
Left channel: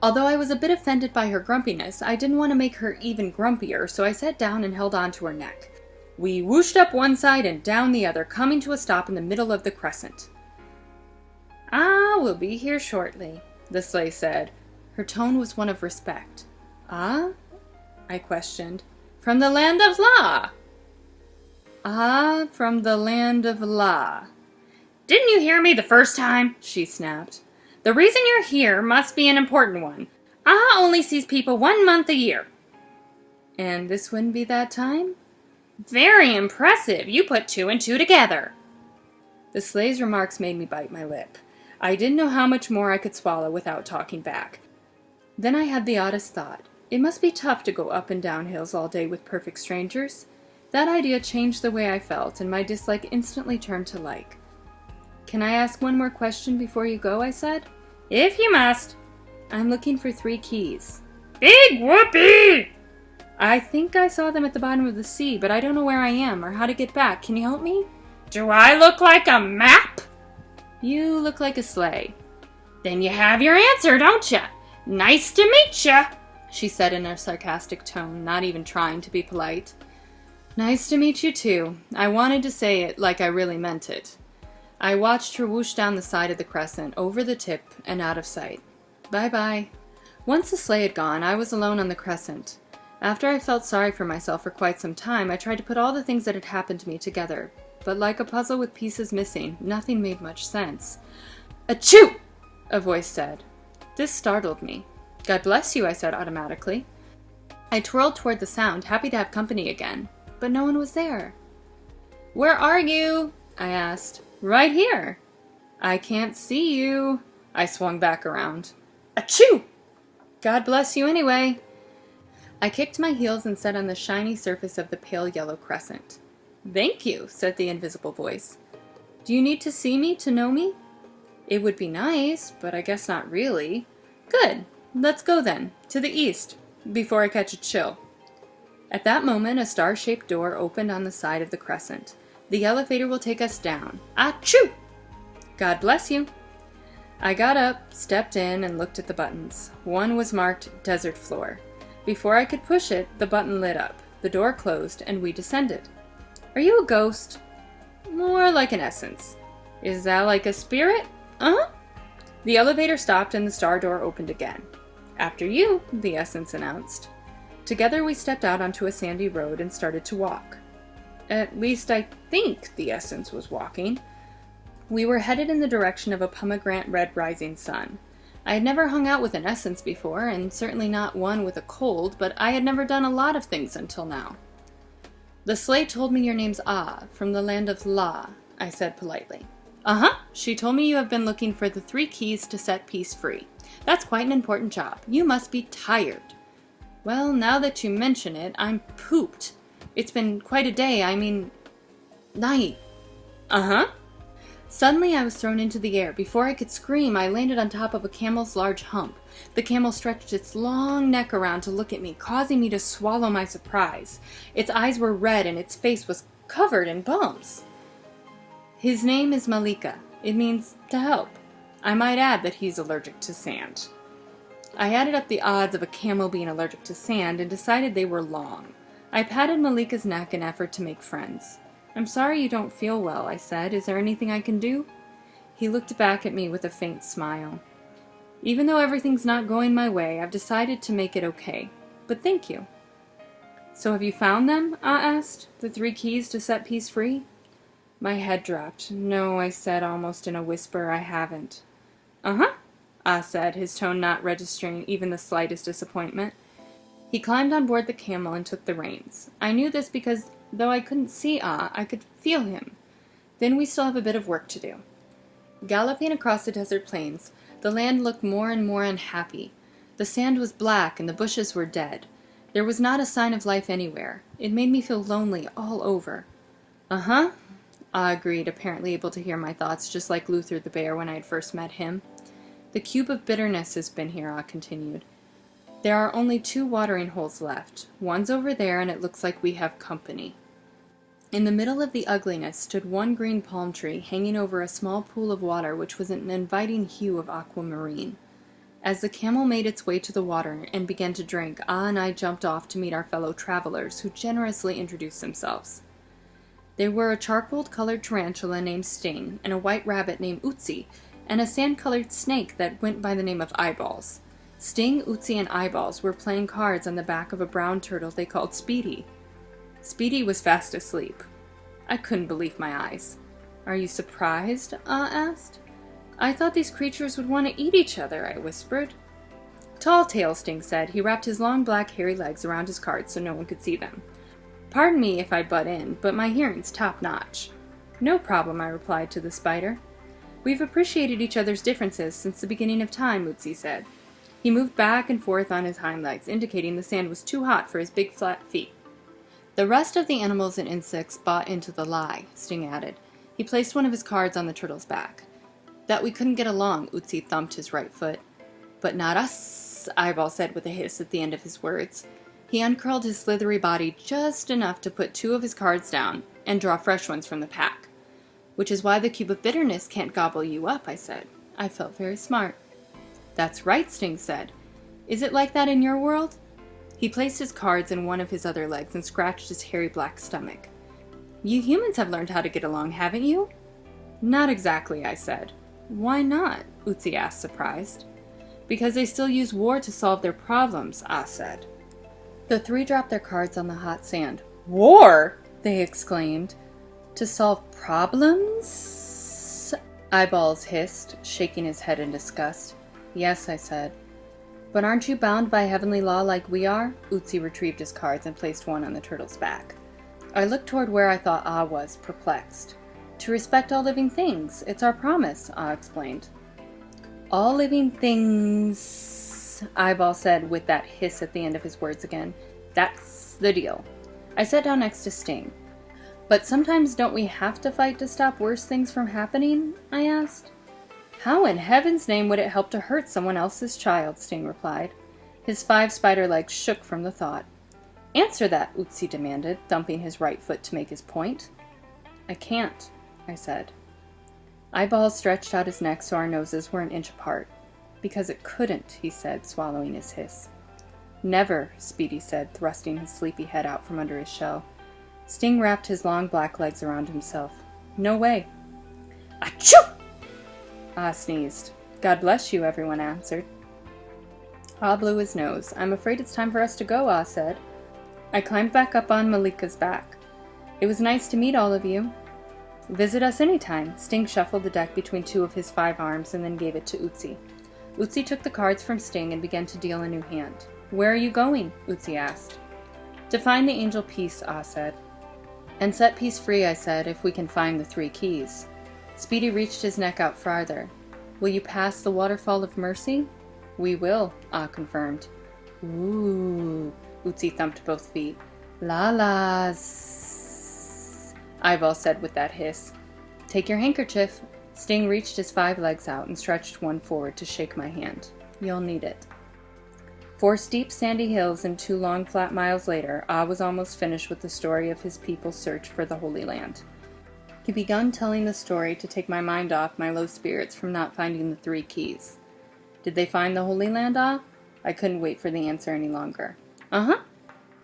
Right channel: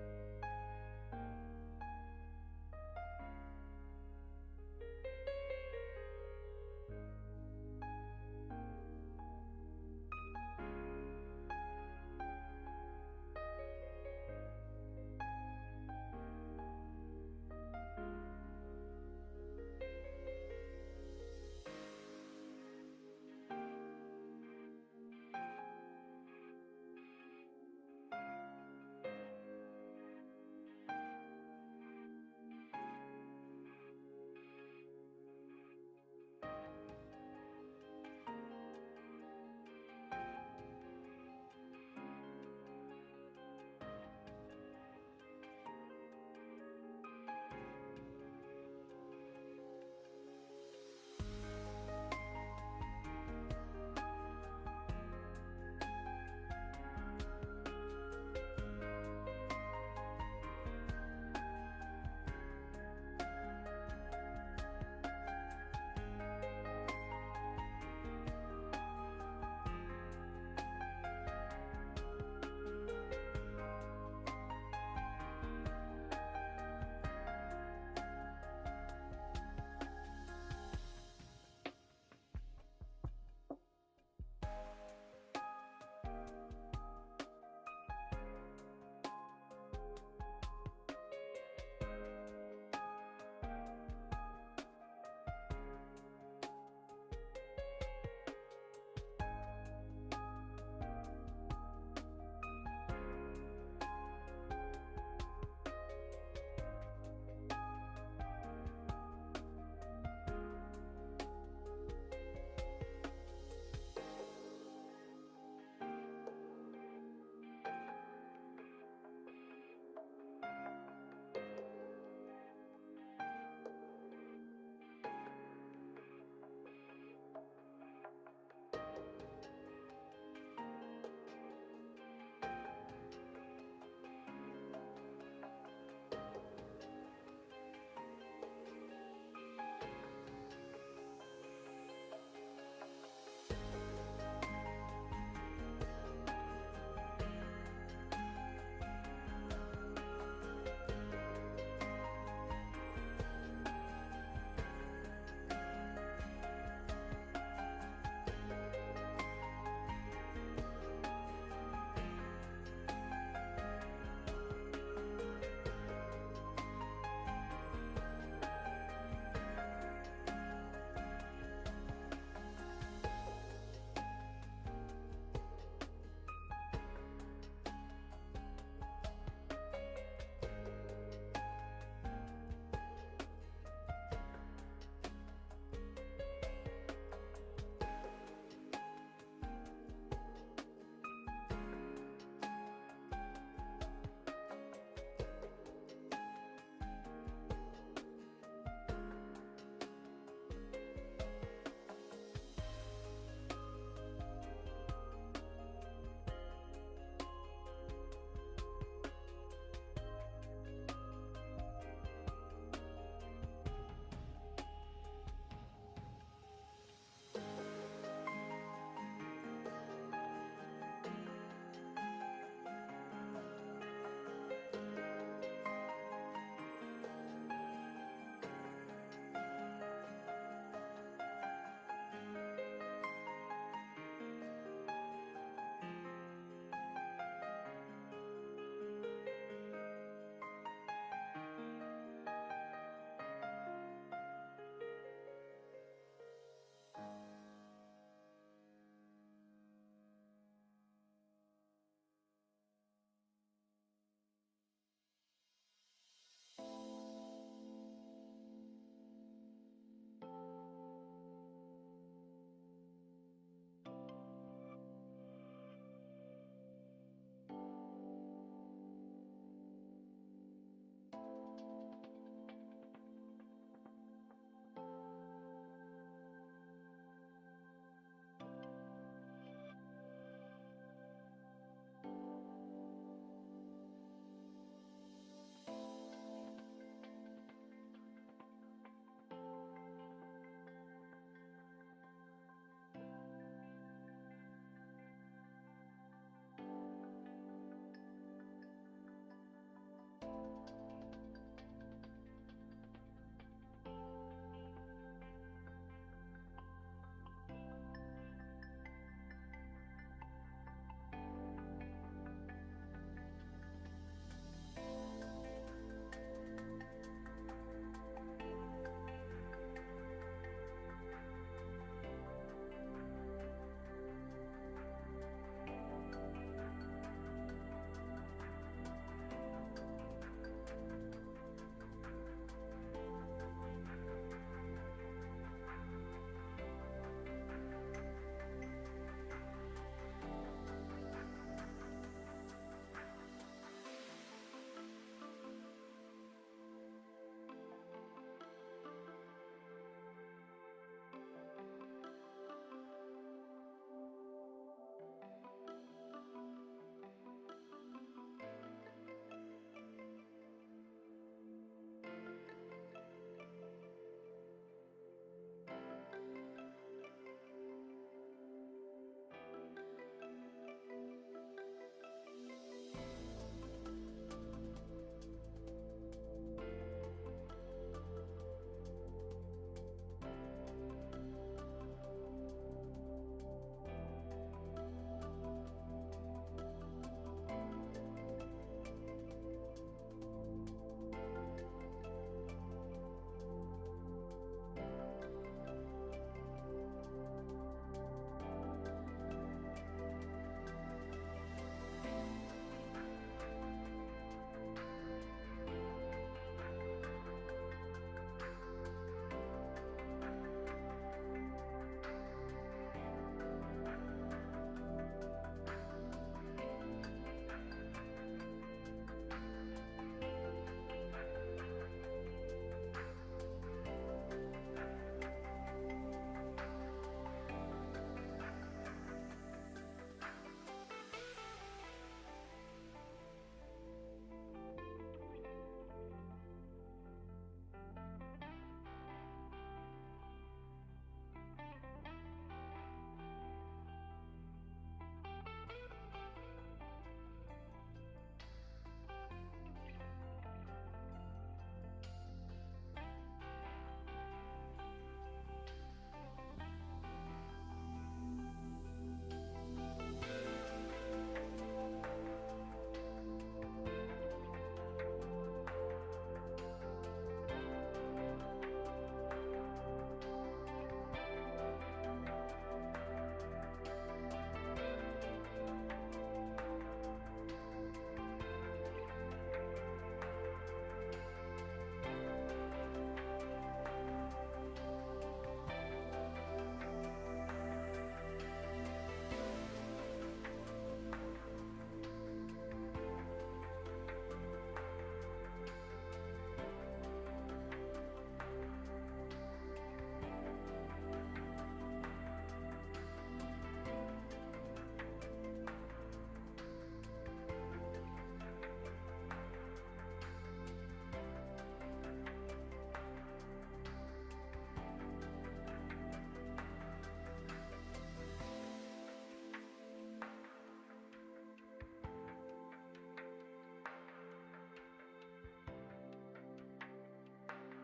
Although I was a bit offended by her grumpiness, I didn't want to make her even grumpier, so I sat down and held on to her neck. We whooshed up one side and down the other, coming to a stop in the middle of the crescent. "Ah, we'll be here shortly," the sleigh said. Her tone was one of respect. "Ah?" I questioned. "From the land of La." "Ah, from the land of La." "Didn't you hear me the first time?" she snapped. "The reason you're here must be an important one. Ah only sees people 1 month a year." "And this wouldn't be that time?" "Very impressive. You put 2 and 2 together." The sleigh's remarks made me bite my lip. I didn't know how much more I could swallow without talking back. Then I had the oddest thought. It must be tough to go up and down hills all day with perfect strangers. That idea changed the way I felt, and my dislike instantly turned to like. "Can I ask one more question before you go?" I said. "If you must." "I'm looking for 3 keys." "Big whoopee!" "I think I saw them at the bottom of the sea, but I don't know where I am or how to get back. Can you help me?" "Do I look like a map?" "You look like a sleigh." "Then you have your answer, don't ya? Nice to meet ya," she said in a sarcastic tone, not even trying to be polite. "Nice to meet you too." I wanted to say it like I really meant it. I watched her whoosh down the side of the crescent, over the tip, and out of sight. Bye-bye. Once the sleigh had gone, I was alone on the crescent. After I felt sorry for myself for quite some time, I tried to put all the things that had happened to me together. But like a puzzle with pieces missing, nothing made much sense. "Achoo!" a voice said. This startled me. "God bless you," I said automatically. I twirled toward the sound, happy to have company again, but no one was there. "Where are you?" I asked. "Right here." "I can't see you." I swung back around. "Achoo!" God bless you anyway. I kicked my heels and sat on the shiny surface of the pale yellow crescent. Thank you, said the invisible voice. Do you need to see me to know me? It would be nice, but I guess not really. Good. Let's go then, to the east, before I catch a chill. At that moment, a star-shaped door opened on the side of the crescent. The elevator will take us down. Achoo! God bless you. I got up, stepped in, and looked at the buttons. One was marked Desert Floor. Before I could push it, the button lit up. The door closed, and we descended. Are you a ghost? More like an essence. Is that like a spirit? Uh-huh. The elevator stopped and the star door opened again. After you, the essence announced. Together we stepped out onto a sandy road and started to walk. At least I think the essence was walking. We were headed in the direction of a pomegranate red rising sun. I had never hung out with an essence before, and certainly not one with a cold, but I had never done a lot of things until now. The sleigh told me your name's Ah, from the land of La, I said politely. Uh-huh, she told me you have been looking for the 3 keys to set peace free. That's quite an important job. You must be tired. Well, now that you mention it, I'm pooped. It's been quite a day, night. Uh-huh. Suddenly I was thrown into the air. Before I could scream, I landed on top of a camel's large hump. The camel stretched its long neck around to look at me, causing me to swallow my surprise. Its eyes were red and its face was covered in bumps. His name is Malika. It means to help. I might add that he's allergic to sand. I added up the odds of a camel being allergic to sand and decided they were long. I patted Malika's neck in an effort to make friends. I'm sorry you don't feel well, I said. Is there anything I can do? He looked back at me with a faint smile. Even though everything's not going my way, I've decided to make it okay. But thank you. So have you found them? Ah asked. The 3 keys to set peace free? My head dropped. No, I said almost in a whisper, I haven't. Uh-huh, Ah said, his tone not registering even the slightest disappointment. He climbed on board the camel and took the reins. I knew this because, though I couldn't see Ah, I could feel him. Then we still have a bit of work to do. Galloping across the desert plains, the land looked more and more unhappy. The sand was black and the bushes were dead. There was not a sign of life anywhere. It made me feel lonely all over. Uh-huh, Ah agreed, apparently able to hear my thoughts, just like Luther the bear when I had first met him. The cube of bitterness has been here, Ah continued. There are only 2 watering holes left. One's over there, and it looks like we have company. In the middle of the ugliness stood one green palm tree hanging over a small pool of water which was an inviting hue of aquamarine. As the camel made its way to the water and began to drink, Ah and I jumped off to meet our fellow travelers, who generously introduced themselves. They were a charcoal-colored tarantula named Sting, and a white rabbit named Utsi, and a sand-colored snake that went by the name of Eyeballs. Sting, Utsi, and Eyeballs were playing cards on the back of a brown turtle they called Speedy. Speedy was fast asleep. I couldn't believe my eyes. Are you surprised? Ah asked. I thought these creatures would want to eat each other, I whispered. Tall Tale, Sting said. He wrapped his long black hairy legs around his cards so no one could see them. Pardon me if I butt in, but my hearing's top-notch. No problem, I replied to the spider. We've appreciated each other's differences since the beginning of time, Utsi said. He moved back and forth on his hind legs, indicating the sand was too hot for his big flat feet. The rest of the animals and insects bought into the lie, Sting added. He placed one of his cards on the turtle's back. That we couldn't get along, Utsi thumped his right foot. But not us, Eyeball said with a hiss at the end of his words. He uncurled his slithery body just enough to put 2 of his cards down and draw fresh ones from the pack. Which is why the cube of bitterness can't gobble you up, I said. I felt very smart. That's right, Sting said. Is it like that in your world? He placed his cards in one of his other legs and scratched his hairy black stomach. You humans have learned how to get along, haven't you? Not exactly, I said. Why not? Utsi asked, surprised. Because they still use war to solve their problems, Ah said. The 3 dropped their cards on the hot sand. War? They exclaimed. To solve problems? Eyeballs hissed, shaking his head in disgust. Yes, I said. But aren't you bound by heavenly law like we are? Utsi retrieved his cards and placed one on the turtle's back. I looked toward where I thought Ah was, perplexed. To respect all living things. It's our promise, Ah explained. All living things... Yes, Eyeball said with that hiss at the end of his words again. That's the deal. I sat down next to Sting. But sometimes don't we have to fight to stop worse things from happening? I asked. How in heaven's name would it help to hurt someone else's child? Sting replied. His 5 spider legs shook from the thought. Answer that, Ötzi demanded, thumping his right foot to make his point. I can't, I said. Eyeball stretched out his neck so our noses were an inch apart. Because it couldn't, he said, swallowing his hiss. Never, Speedy said, thrusting his sleepy head out from under his shell. Sting wrapped his long black legs around himself. No way. Achoo! Ah sneezed. God bless you, everyone answered. Ah blew his nose. I'm afraid it's time for us to go, Ah said. I climbed back up on Malika's back. It was nice to meet all of you. Visit us anytime. Sting shuffled the deck between 2 of his 5 arms and then gave it to Ötzi. Ötzi took the cards from Sting and began to deal a new hand. Where are you going? Ötzi asked. To find the angel Peace, Ah said. And set Peace free, I said, if we can find the 3 keys. Speedy reached his neck out farther. Will you pass the waterfall of mercy? We will, Ah confirmed. Ooh, Ötzi thumped both feet. La-las, Eyeball said with that hiss. Take your handkerchief. Sting reached his 5 legs out and stretched one forward to shake my hand. You'll need it. 4 steep sandy hills and 2 long flat miles later, Ah was almost finished with the story of his people's search for the Holy Land. He begun telling the story to take my mind off my low spirits from not finding the 3 keys. Did they find the Holy Land, Ah? I couldn't wait for the answer any longer. Uh-huh.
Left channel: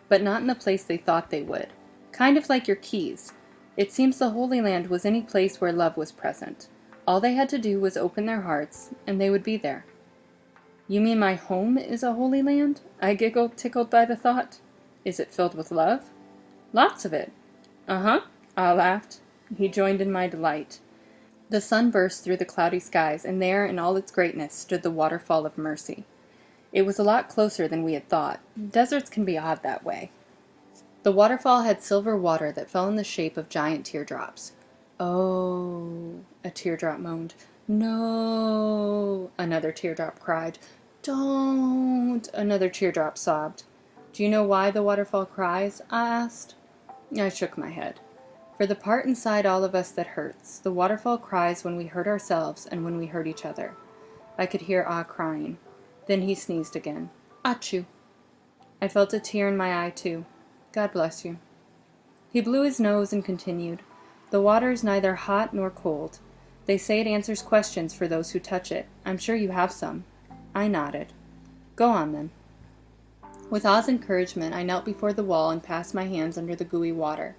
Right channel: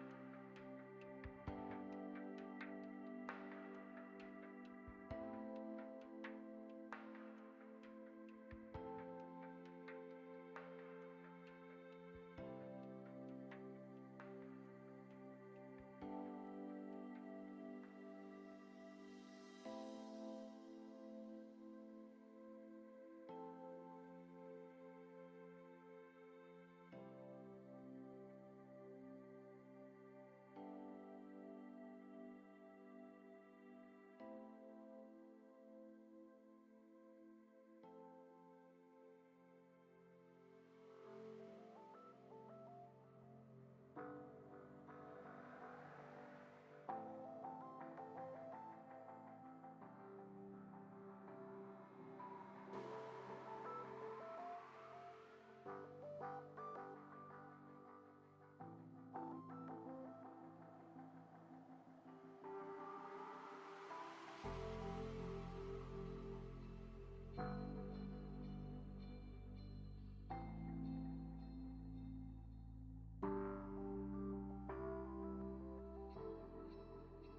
But not in the place they thought they would. Kind of like your keys. It seems the Holy Land was any place where love was present. All they had to do was open their hearts, and they would be there. You mean my home is a holy land? I giggled, tickled by the thought. Is it filled with love? Lots of it. Uh-huh, Ah laughed. He joined in my delight. The sun burst through the cloudy skies, and there, in all its greatness, stood the waterfall of mercy. It was a lot closer than we had thought. Deserts can be odd that way. The waterfall had silver water that fell in the shape of giant teardrops. Oh, a teardrop moaned. No, another teardrop cried. Don't, another teardrop sobbed. Do you know why the waterfall cries? I asked. I shook my head. For the part inside all of us that hurts, the waterfall cries when we hurt ourselves and when we hurt each other. I could hear Ah crying. Then he sneezed again. Achoo. I felt a tear in my eye, too. God bless you. He blew his nose and continued. The water is neither hot nor cold. They say it answers questions for those who touch it. I'm sure you have some. I nodded. Go on, then. With Ah's encouragement, I knelt before the wall and passed my hands under the gooey water.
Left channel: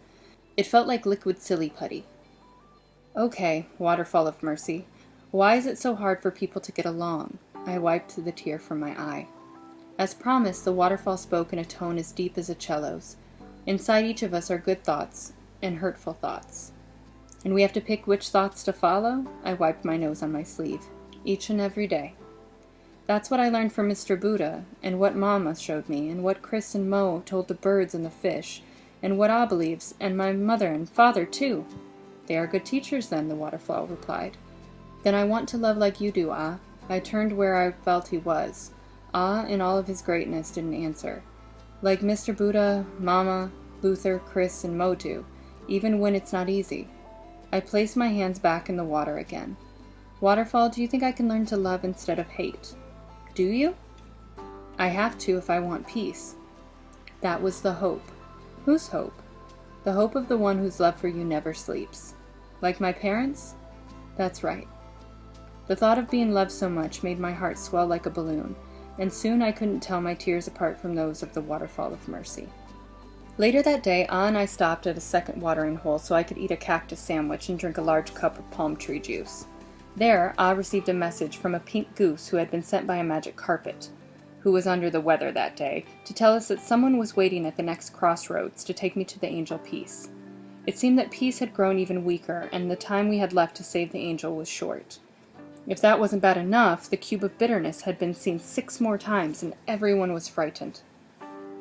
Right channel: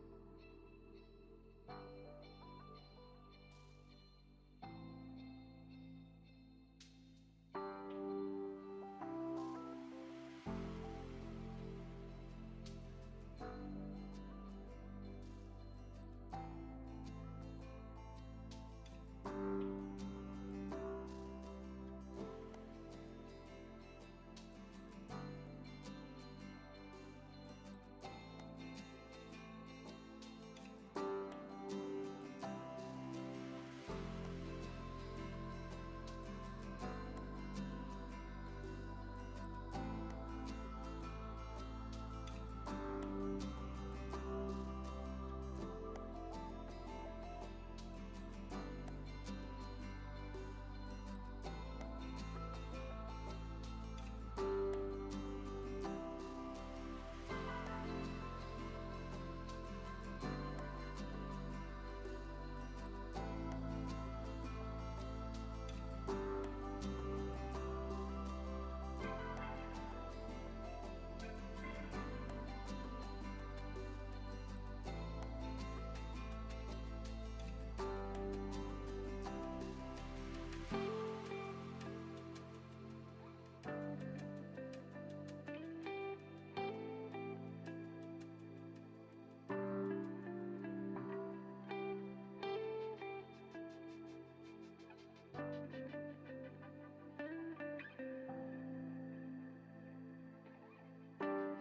It felt like liquid silly putty. Okay, waterfall of mercy. Why is it so hard for people to get along? I wiped the tear from my eye. As promised, the waterfall spoke in a tone as deep as a cello's. Inside each of us are good thoughts and hurtful thoughts. And we have to pick which thoughts to follow? I wiped my nose on my sleeve. Each and every day. That's what I learned from Mr. Buddha, and what Mama showed me, and what Chris and Mo told the birds and the fish, and what Ah believes, and my mother and father, too. They are good teachers, then, the waterfall replied. Then I want to love like you do, Ah. I turned where I felt he was. Ah, in all of his greatness, didn't answer. Like Mr. Buddha, Mama, Luther, Chris, and Mo do, even when it's not easy. I placed my hands back in the water again. Waterfall, do you think I can learn to love instead of hate? Do you? I have to if I want peace. That was the hope. Whose hope? The hope of the one whose love for you never sleeps. Like my parents? That's right. The thought of being loved so much made my heart swell like a balloon, and soon I couldn't tell my tears apart from those of the waterfall of mercy. Later that day, Ah and I stopped at a second watering hole so I could eat a cactus sandwich and drink a large cup of palm tree juice. There, Ah received a message from a pink goose who had been sent by a magic carpet, who was under the weather that day, to tell us that someone was waiting at the next crossroads to take me to the angel Peace. It seemed that Peace had grown even weaker, and the time we had left to save the angel was short. If that wasn't bad enough, the cube of bitterness had been seen 6 more times, and everyone was frightened.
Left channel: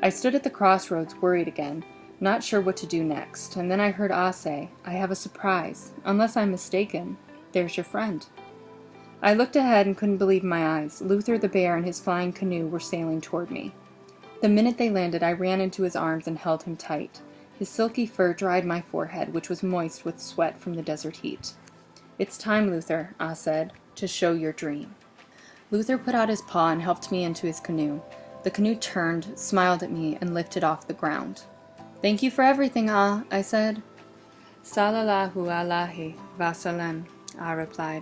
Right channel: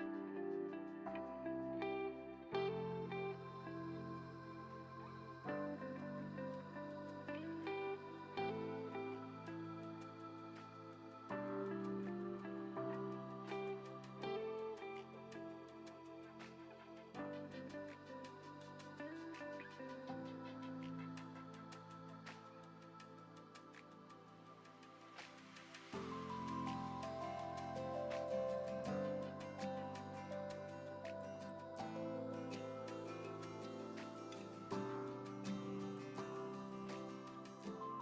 I stood at the crossroads, worried again, not sure what to do next, and then I heard Ah say, I have a surprise. Unless I'm mistaken, there's your friend. I looked ahead and couldn't believe my eyes. Luther the bear and his flying canoe were sailing toward me. The minute they landed, I ran into his arms and held him tight. His silky fur dried my forehead, which was moist with sweat from the desert heat. "It's time, Luther," Ah said, "to show your dream." Luther put out his paw and helped me into his canoe. The canoe turned, smiled at me, and lifted off the ground. "Thank you for everything, Ah," I said. "Salallahu Alaihi Wasallam," Ah replied.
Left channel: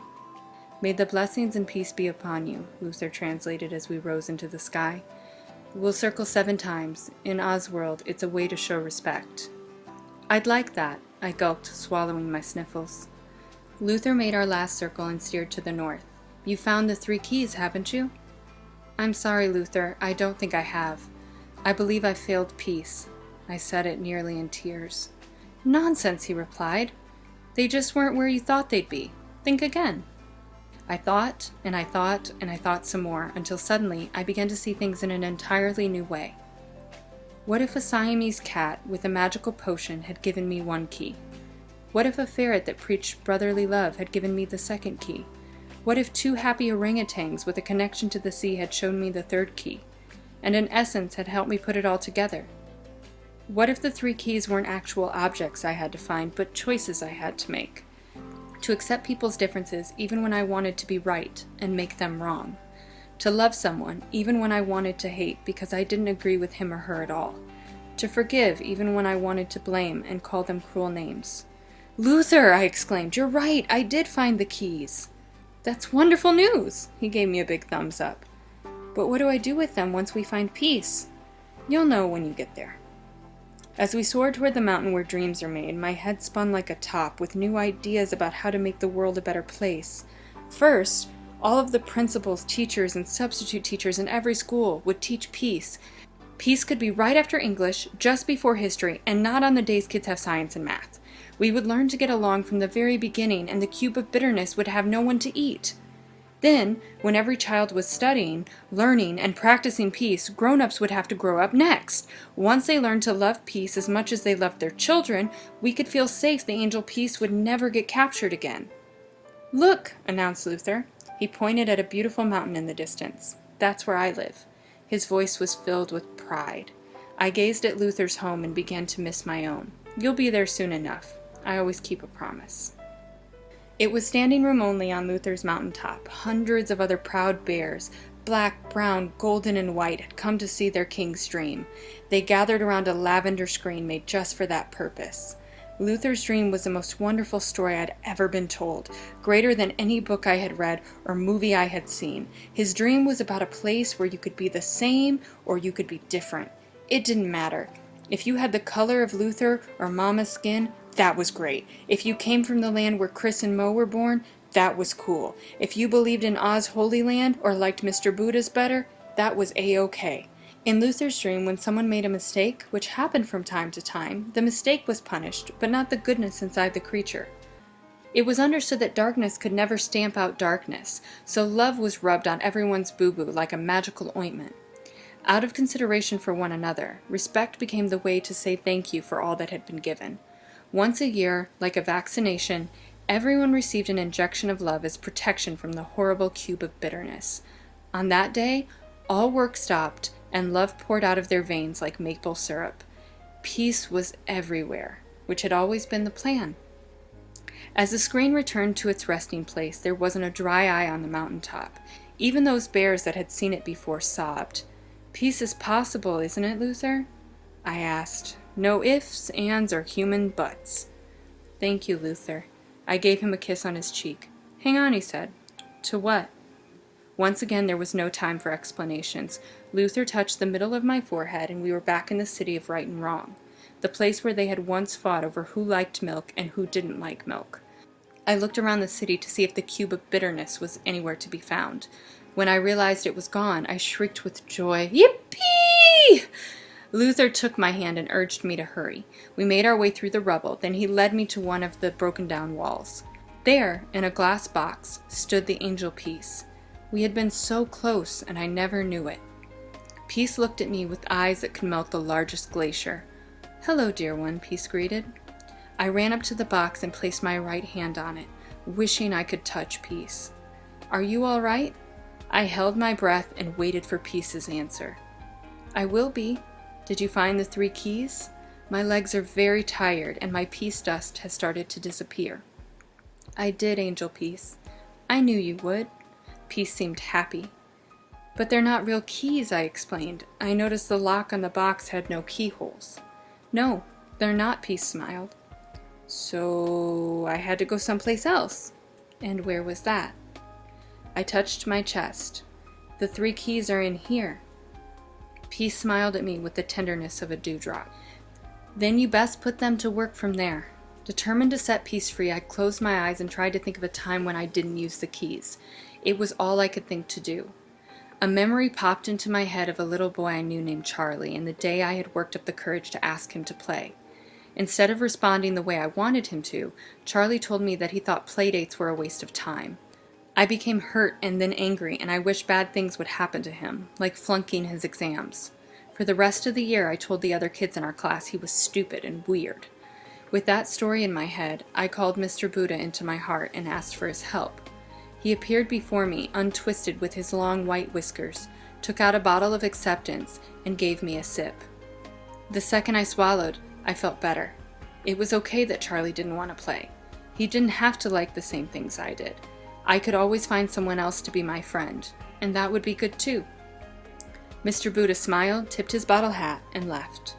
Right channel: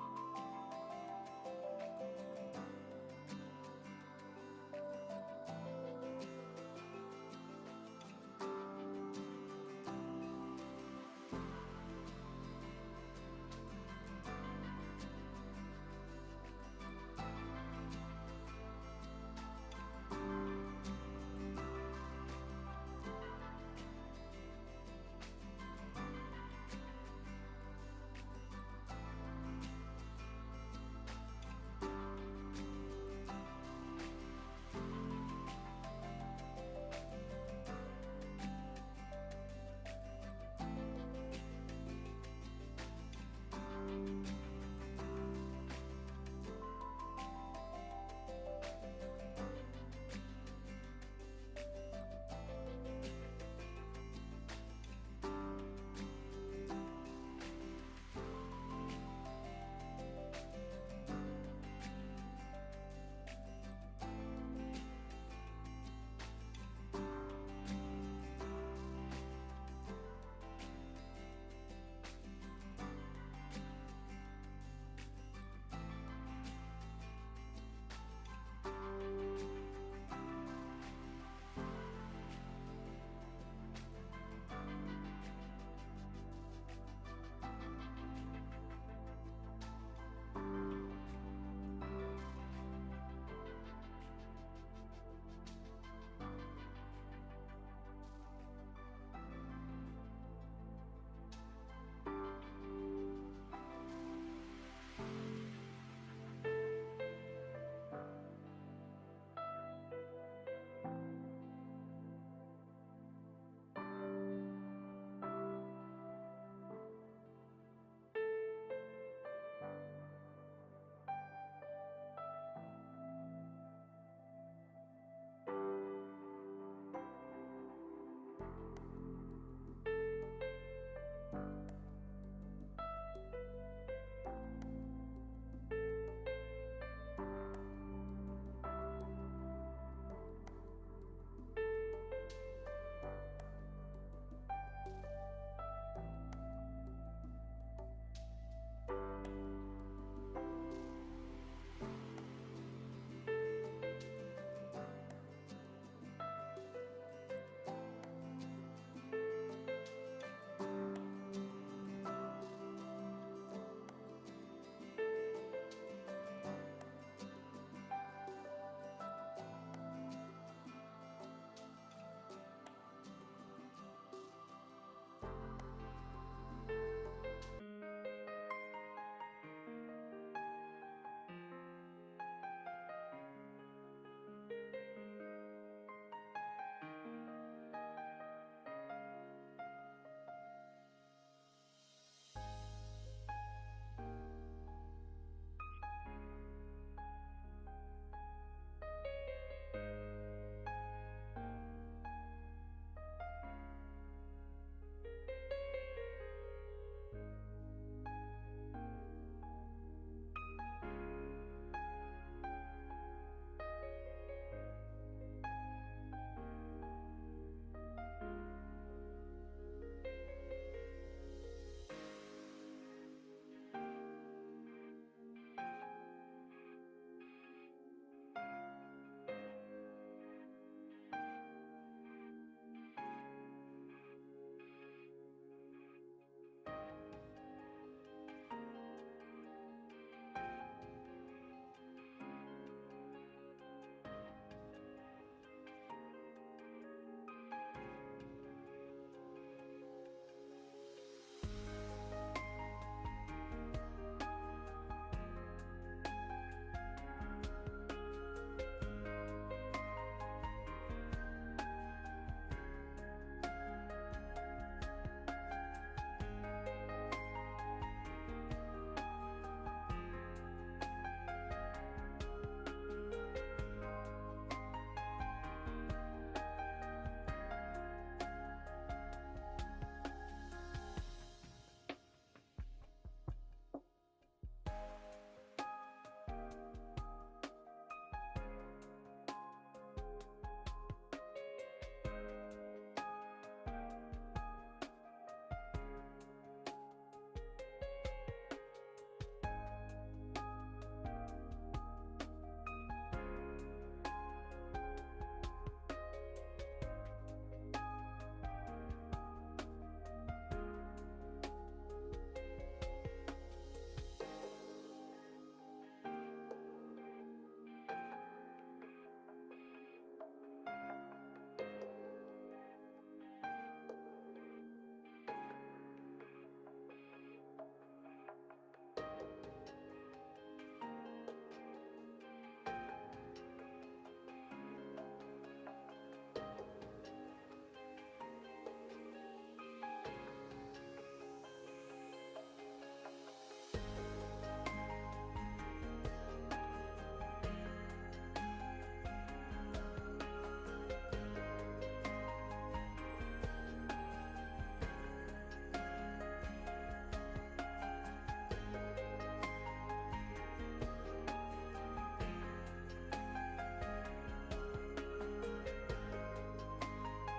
"May the blessings and peace be upon you," Luther translated as we rose into the sky. "We'll circle 7 times. In Ah's world, it's a way to show respect." "I'd like that," I gulped, swallowing my sniffles. Luther made our last circle and steered to the north. "You found the 3 keys, haven't you?" "I'm sorry, Luther, I don't think I have. I believe I failed peace." I said it nearly in tears. "Nonsense," he replied. "They just weren't where you thought they'd be. Think again." I thought, and I thought, and I thought some more, until suddenly I began to see things in an entirely new way. What if a Siamese cat with a magical potion had given me 1 key? What if a ferret that preached brotherly love had given me the 2nd key? What if 2 happy orangutans with a connection to the sea had shown me the 3rd key, and an essence had helped me put it all together? What if the 3 keys weren't actual objects I had to find, but choices I had to make? To accept people's differences even when I wanted to be right and make them wrong. To love someone even when I wanted to hate because I didn't agree with him or her at all. To forgive even when I wanted to blame and call them cruel names. "Luther," I exclaimed, "you're right, I did find the keys." "That's wonderful news," he gave me a big thumbs up. "But what do I do with them once we find peace?" "You'll know when you get there." As we soared toward the mountain where dreams are made, my head spun like a top with new ideas about how to make the world a better place. First, all of the principals, teachers, and substitute teachers in every school would teach peace. Peace could be right after English, just before history, and not on the days kids have science and math. We would learn to get along from the very beginning, and the cube of bitterness would have no one to eat. Then, when every child was studying, learning, and practicing peace, grown-ups would have to grow up next. Once they learned to love peace as much as they loved their children, we could feel safe the angel Peace would never get captured again. "Look," announced Luther. He pointed at a beautiful mountain in the distance. "That's where I live." His voice was filled with pride. I gazed at Luther's home and began to miss my own. "You'll be there soon enough. I always keep a promise." It was standing room only on Luther's mountaintop. Hundreds of other proud bears, black, brown, golden, and white, had come to see their king's dream. They gathered around a lavender screen made just for that purpose. Luther's dream was the most wonderful story I'd ever been told, greater than any book I had read or movie I had seen. His dream was about a place where you could be the same or you could be different. It didn't matter. If you had the color of Luther or Mama's skin, that was great. If you came from the land where Chris and Mo were born, that was cool. If you believed in Oz Holy Land or liked Mr. Buddha's better, that was A-OK. In Luther's dream, when someone made a mistake, which happened from time to time, the mistake was punished, but not the goodness inside the creature. It was understood that darkness could never stamp out darkness, so love was rubbed on everyone's boo-boo like a magical ointment. Out of consideration for one another, respect became the way to say thank you for all that had been given. Once a year, like a vaccination, everyone received an injection of love as protection from the horrible cube of bitterness. On that day, all work stopped, and love poured out of their veins like maple syrup. Peace was everywhere, which had always been the plan. As the screen returned to its resting place, there wasn't a dry eye on the mountaintop. Even those bears that had seen it before sobbed. "Peace is possible, isn't it, Luther?" I asked. "No ifs, ands, or human buts." "Thank you, Luther." I gave him a kiss on his cheek. "Hang on," he said. "To what?" Once again, there was no time for explanations. Luther touched the middle of my forehead, and we were back in the city of right and wrong, the place where they had once fought over who liked milk and who didn't like milk. I looked around the city to see if the cube of bitterness was anywhere to be found. When I realized it was gone, I shrieked with joy, "Yippee!" Luther took my hand and urged me to hurry. We made our way through the rubble, then he led me to one of the broken-down walls. There, in a glass box, stood the angel Peace. We had been so close, and I never knew it. Peace looked at me with eyes that could melt the largest glacier. "Hello, dear one," Peace greeted. I ran up to the box and placed my right hand on it, wishing I could touch Peace. Are you all right?" I held my breath and waited for Peace's answer. "I will be. Did you find the 3 keys? My legs are very tired and my peace dust has started to disappear." "I did, Angel Peace. I knew you would." Peace seemed happy. "But they're not real keys," I explained. "I noticed the lock on the box had no keyholes." "No, they're not," Peace smiled. "So I had to go someplace else." "And where was that?" I touched my chest. "The 3 keys are in here." Peace smiled at me with the tenderness of a dewdrop. "Then you best put them to work from there." Determined to set Peace free, I closed my eyes and tried to think of a time when I didn't use the keys. It was all I could think to do. A memory popped into my head of a little boy I knew named Charlie, and the day I had worked up the courage to ask him to play. Instead of responding the way I wanted him to, Charlie told me that he thought playdates were a waste of time. I became hurt and then angry, and I wished bad things would happen to him, like flunking his exams. For the rest of the year, I told the other kids in our class he was stupid and weird. With that story in my head, I called Mr. Buddha into my heart and asked for his help. He appeared before me, untwisted with his long white whiskers, took out a bottle of acceptance, and gave me a sip. The second I swallowed, I felt better. It was okay that Charlie didn't want to play. He didn't have to like the same things I did. I could always find someone else to be my friend, and that would be good too. Mr. Buddha smiled, tipped his bottle hat, and left.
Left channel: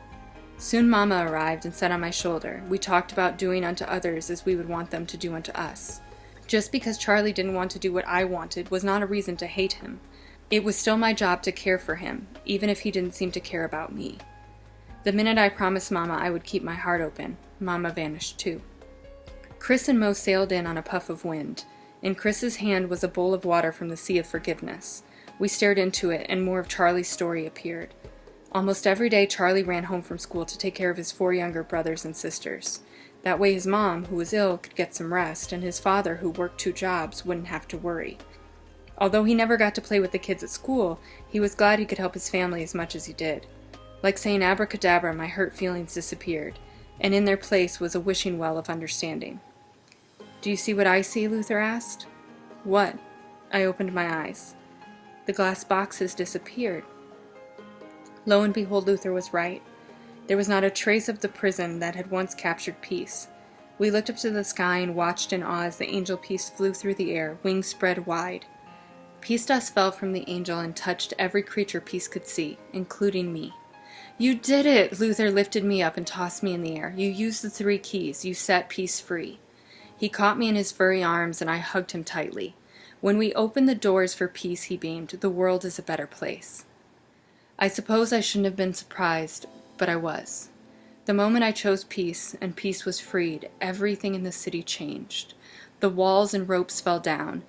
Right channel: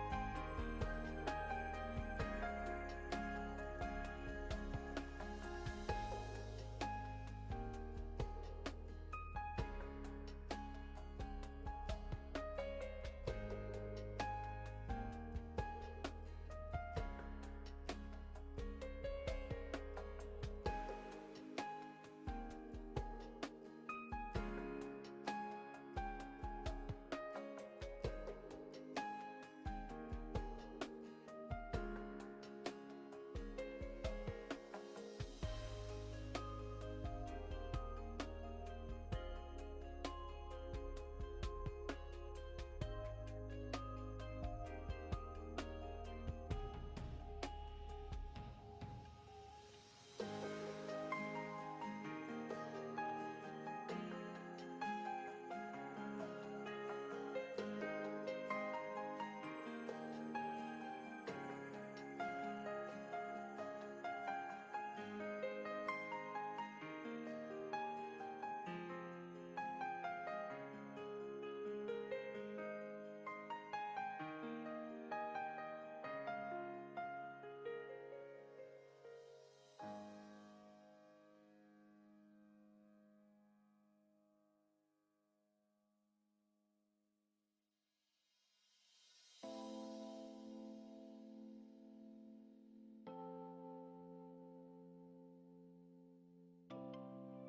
Soon Mama arrived and sat on my shoulder. We talked about doing unto others as we would want them to do unto us. Just because Charlie didn't want to do what I wanted was not a reason to hate him. It was still my job to care for him, even if he didn't seem to care about me. The minute I promised Mama I would keep my heart open, Mama vanished too. Chris and Mo sailed in on a puff of wind. In Chris's hand was a bowl of water from the Sea of Forgiveness. We stared into it, and more of Charlie's story appeared. Almost every day, Charlie ran home from school to take care of his 4 younger brothers and sisters. That way his mom, who was ill, could get some rest, and his father, who worked 2 jobs, wouldn't have to worry. Although he never got to play with the kids at school, he was glad he could help his family as much as he did. Like saying abracadabra, my hurt feelings disappeared, and in their place was a wishing well of understanding. "Do you see what I see?" Luther asked. "What?" I opened my eyes. The glass boxes disappeared. Lo and behold, Luther was right. There was not a trace of the prison that had once captured Peace. We looked up to the sky and watched in awe as the angel Peace flew through the air, wings spread wide. Peace dust fell from the angel and touched every creature Peace could see, including me. "You did it!" Luther lifted me up and tossed me in the air. "You used the 3 keys. You set Peace free." He caught me in his furry arms and I hugged him tightly. "When we open the doors for Peace," he beamed, "the world is a better place." I suppose I shouldn't have been surprised, but I was. The moment I chose Peace and Peace was freed, everything in the city changed. The walls and ropes fell down.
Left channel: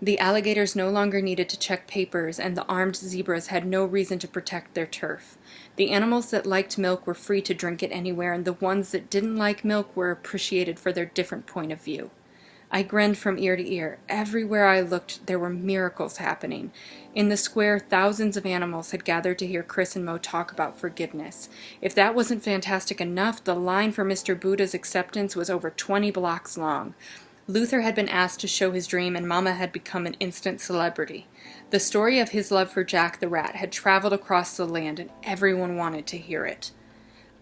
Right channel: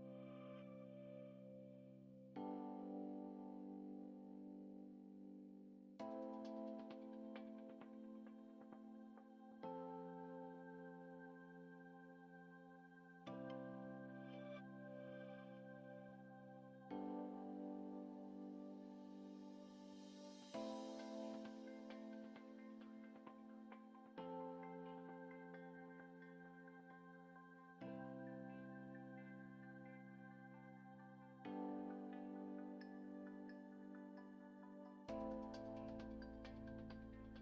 The alligators no longer needed to check papers, and the armed zebras had no reason to protect their turf. The animals that liked milk were free to drink it anywhere, and the ones that didn't like milk were appreciated for their different point of view. I grinned from ear to ear. Everywhere I looked, there were miracles happening. In the square, thousands of animals had gathered to hear Chris and Mo talk about forgiveness. If that wasn't fantastic enough, the line for Mr. Buddha's acceptance was over 20 blocks long. Luther had been asked to show his dream, and Mama had become an instant celebrity. The story of his love for Jack the Rat had traveled across the land, and everyone wanted to hear it.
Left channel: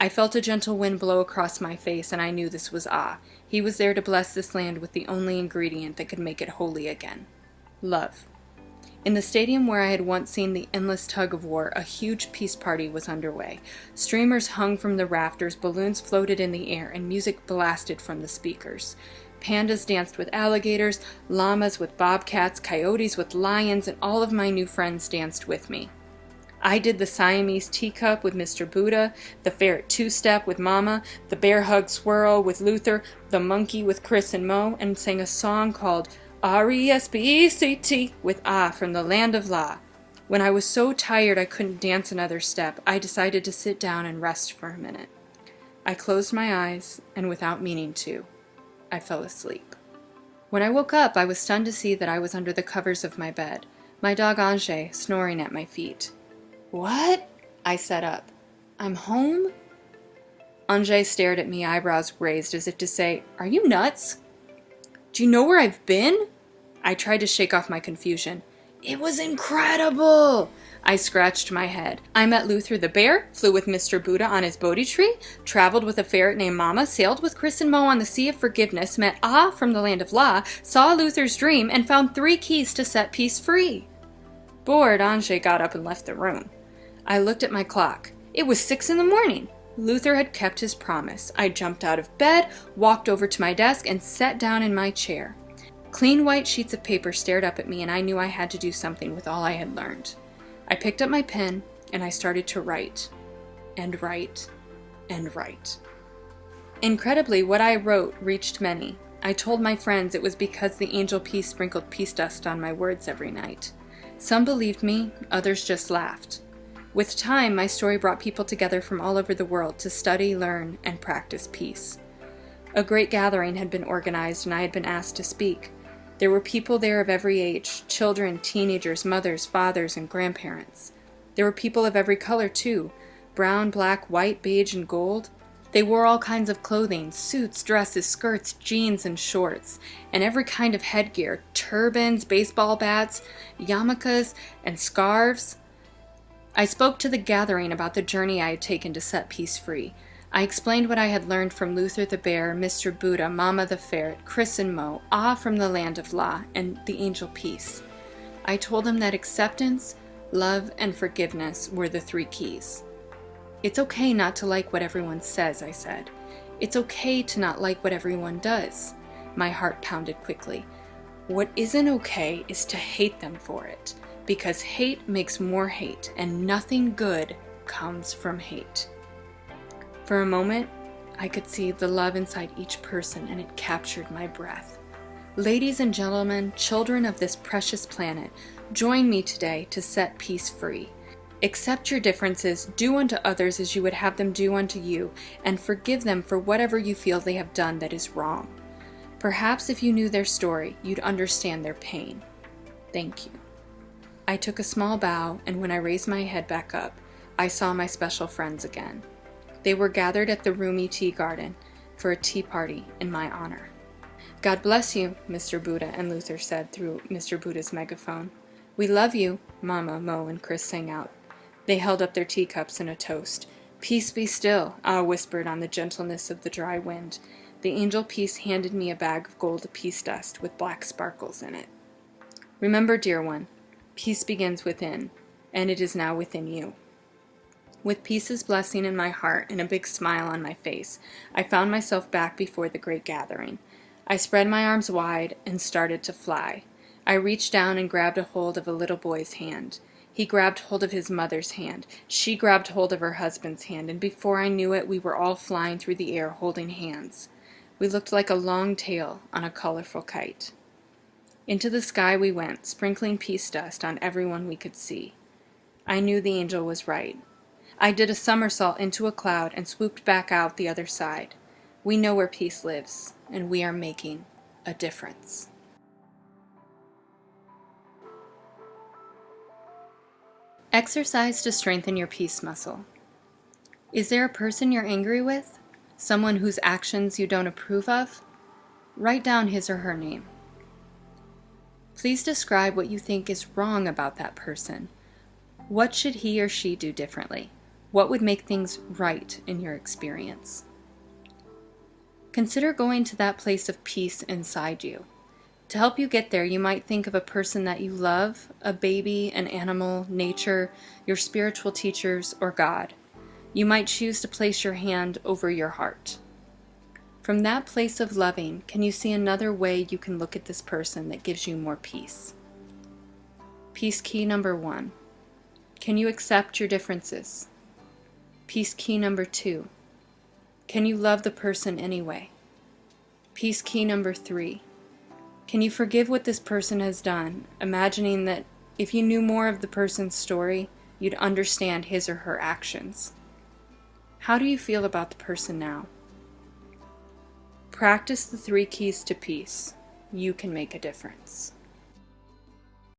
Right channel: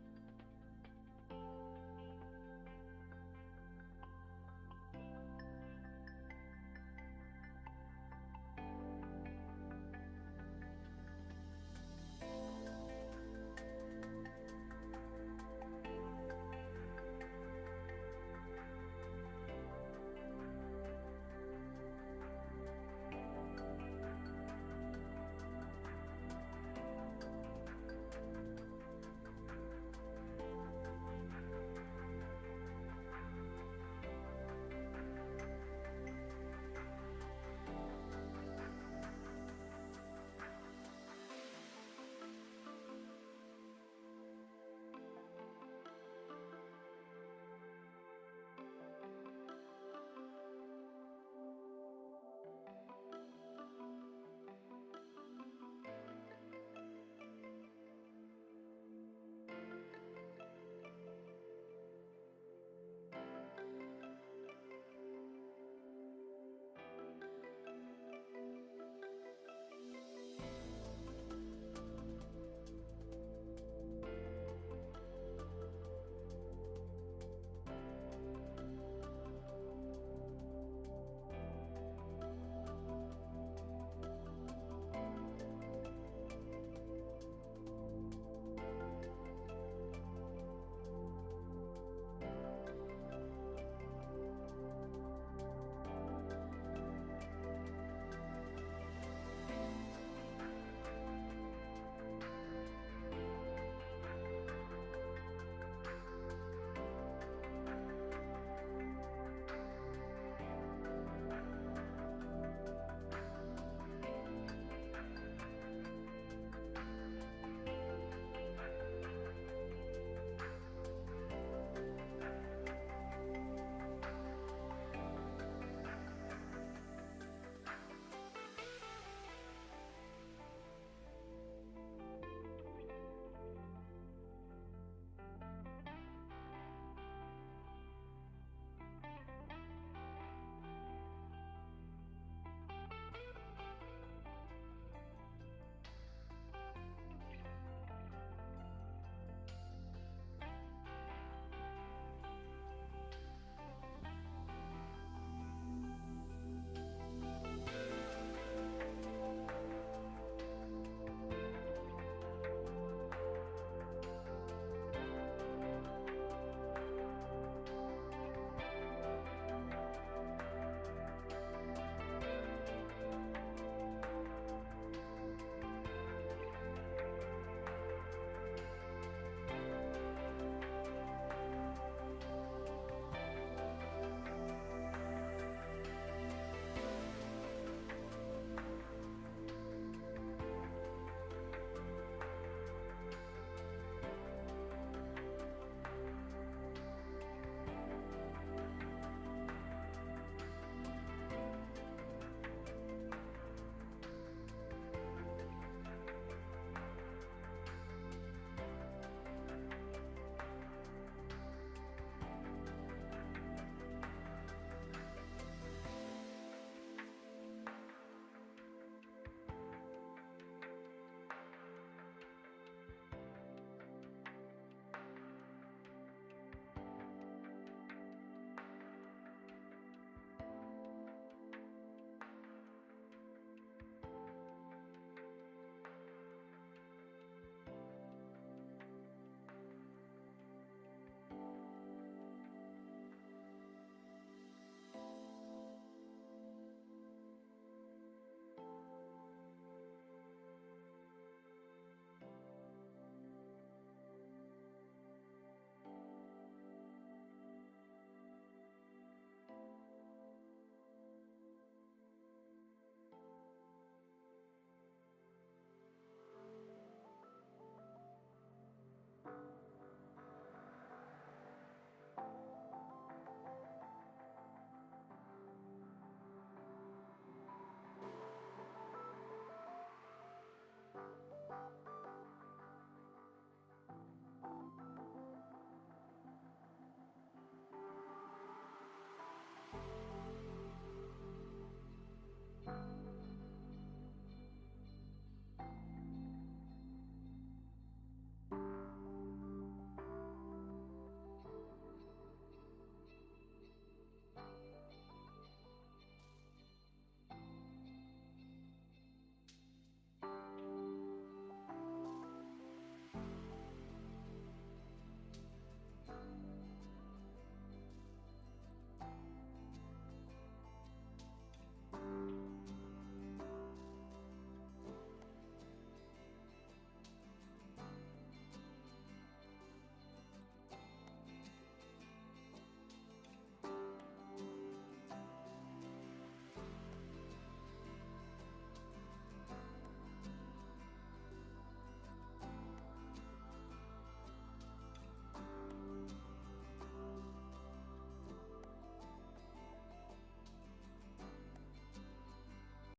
I felt a gentle wind blow across my face, and I knew this was Ah. He was there to bless this land with the only ingredient that could make it holy again: love. In the stadium where I had once seen the endless tug of war, a huge peace party was underway. Streamers hung from the rafters, balloons floated in the air, and music blasted from the speakers. Pandas danced with alligators, llamas with bobcats, coyotes with lions, and all of my new friends danced with me. I did the Siamese teacup with Mr. Buddha, the ferret two-step with Mama, the bear hug swirl with Luther, the monkey with Chris and Mo, and sang a song called R-E-S-P-E-C-T with Ah from the land of La. When I was so tired I couldn't dance another step, I decided to sit down and rest for a minute. I closed my eyes, and without meaning to, I fell asleep. When I woke up, I was stunned to see that I was under the covers of my bed, my dog Ange snoring at my feet. "What?" I sat up. "I'm home?" Ange stared at me, eyebrows raised, as if to say, "Are you nuts? Do you know where I've been?" I tried to shake off my confusion. It was incredible! I scratched my head. I met Luther the bear, flew with Mr. Buddha on his Bodhi tree, traveled with a ferret named Mama, sailed with Chris and Mo on the Sea of Forgiveness, met Ah from the Land of La, saw Luther's dream, and found 3 keys to set peace free. Bored, Anjay got up and left the room. I looked at my clock. It was 6 in the morning. Luther had kept his promise. I jumped out of bed, walked over to my desk, and sat down in my chair. Clean white sheets of paper stared up at me, and I knew I had to do something with all I had learned. I picked up my pen, and I started to write, and write, and write. Incredibly, what I wrote reached many. I told my friends it was because the angel Peace sprinkled peace dust on my words every night. Some believed me, others just laughed. With time, my story brought people together from all over the world to study, learn, and practice peace. A great gathering had been organized, and I had been asked to speak. There were people there of every age, children, teenagers, mothers, fathers, and grandparents. There were people of every color, too, brown, black, white, beige, and gold. They wore all kinds of clothing, suits, dresses, skirts, jeans, and shorts, and every kind of headgear, turbans, baseball bats, yarmulkes, and scarves. I spoke to the gathering about the journey I had taken to set peace free. I explained what I had learned from Luther the bear, Mr. Buddha, Mama the ferret, Chris and Mo, Ah from the Land of La, and the angel Peace. I told them that acceptance, love, and forgiveness were the 3 keys. It's okay not to like what everyone says, I said. It's okay to not like what everyone does. My heart pounded quickly. What isn't okay is to hate them for it, because hate makes more hate, and nothing good comes from hate. For a moment, I could see the love inside each person, and it captured my breath. Ladies and gentlemen, children of this precious planet, join me today to set peace free. Accept your differences, do unto others as you would have them do unto you, and forgive them for whatever you feel they have done that is wrong. Perhaps if you knew their story, you'd understand their pain. Thank you. I took a small bow, and when I raised my head back up, I saw my special friends again. They were gathered at the Rumi Tea Garden for a tea party in my honor. God bless you, Mr. Buddha and Luther said through Mr. Buddha's megaphone. We love you, Mama, Mo, and Chris sang out. They held up their teacups in a toast. Peace be still, Ah whispered on the gentleness of the dry wind. The angel Peace handed me a bag of gold peace dust with black sparkles in it. Remember, dear one, peace begins within, and it is now within you. With Peace's blessing in my heart and a big smile on my face, I found myself back before the great gathering. I spread my arms wide and started to fly. I reached down and grabbed a hold of a little boy's hand. He grabbed hold of his mother's hand. She grabbed hold of her husband's hand, and before I knew it, we were all flying through the air holding hands. We looked like a long tail on a colorful kite. Into the sky we went, sprinkling peace dust on everyone we could see. I knew the angel was right. I did a somersault into a cloud and swooped back out the other side. We know where peace lives, and we are making a difference. Exercise to strengthen your peace muscle. Is there a person you're angry with? Someone whose actions you don't approve of? Write down his or her name. Please describe what you think is wrong about that person. What should he or she do differently? What would make things right in your experience? Consider going to that place of peace inside you. To help you get there, you might think of a person that you love, a baby, an animal, nature, your spiritual teachers, or God. You might choose to place your hand over your heart. From that place of loving, can you see another way you can look at this person that gives you more peace? Peace key number 1. Can you accept your differences? Peace key number 2. Can you love the person anyway? Peace key number 3. Can you forgive what this person has done, imagining that if you knew more of the person's story, you'd understand his or her actions? How do you feel about the person now? Practice the 3 keys to peace. You can make a difference.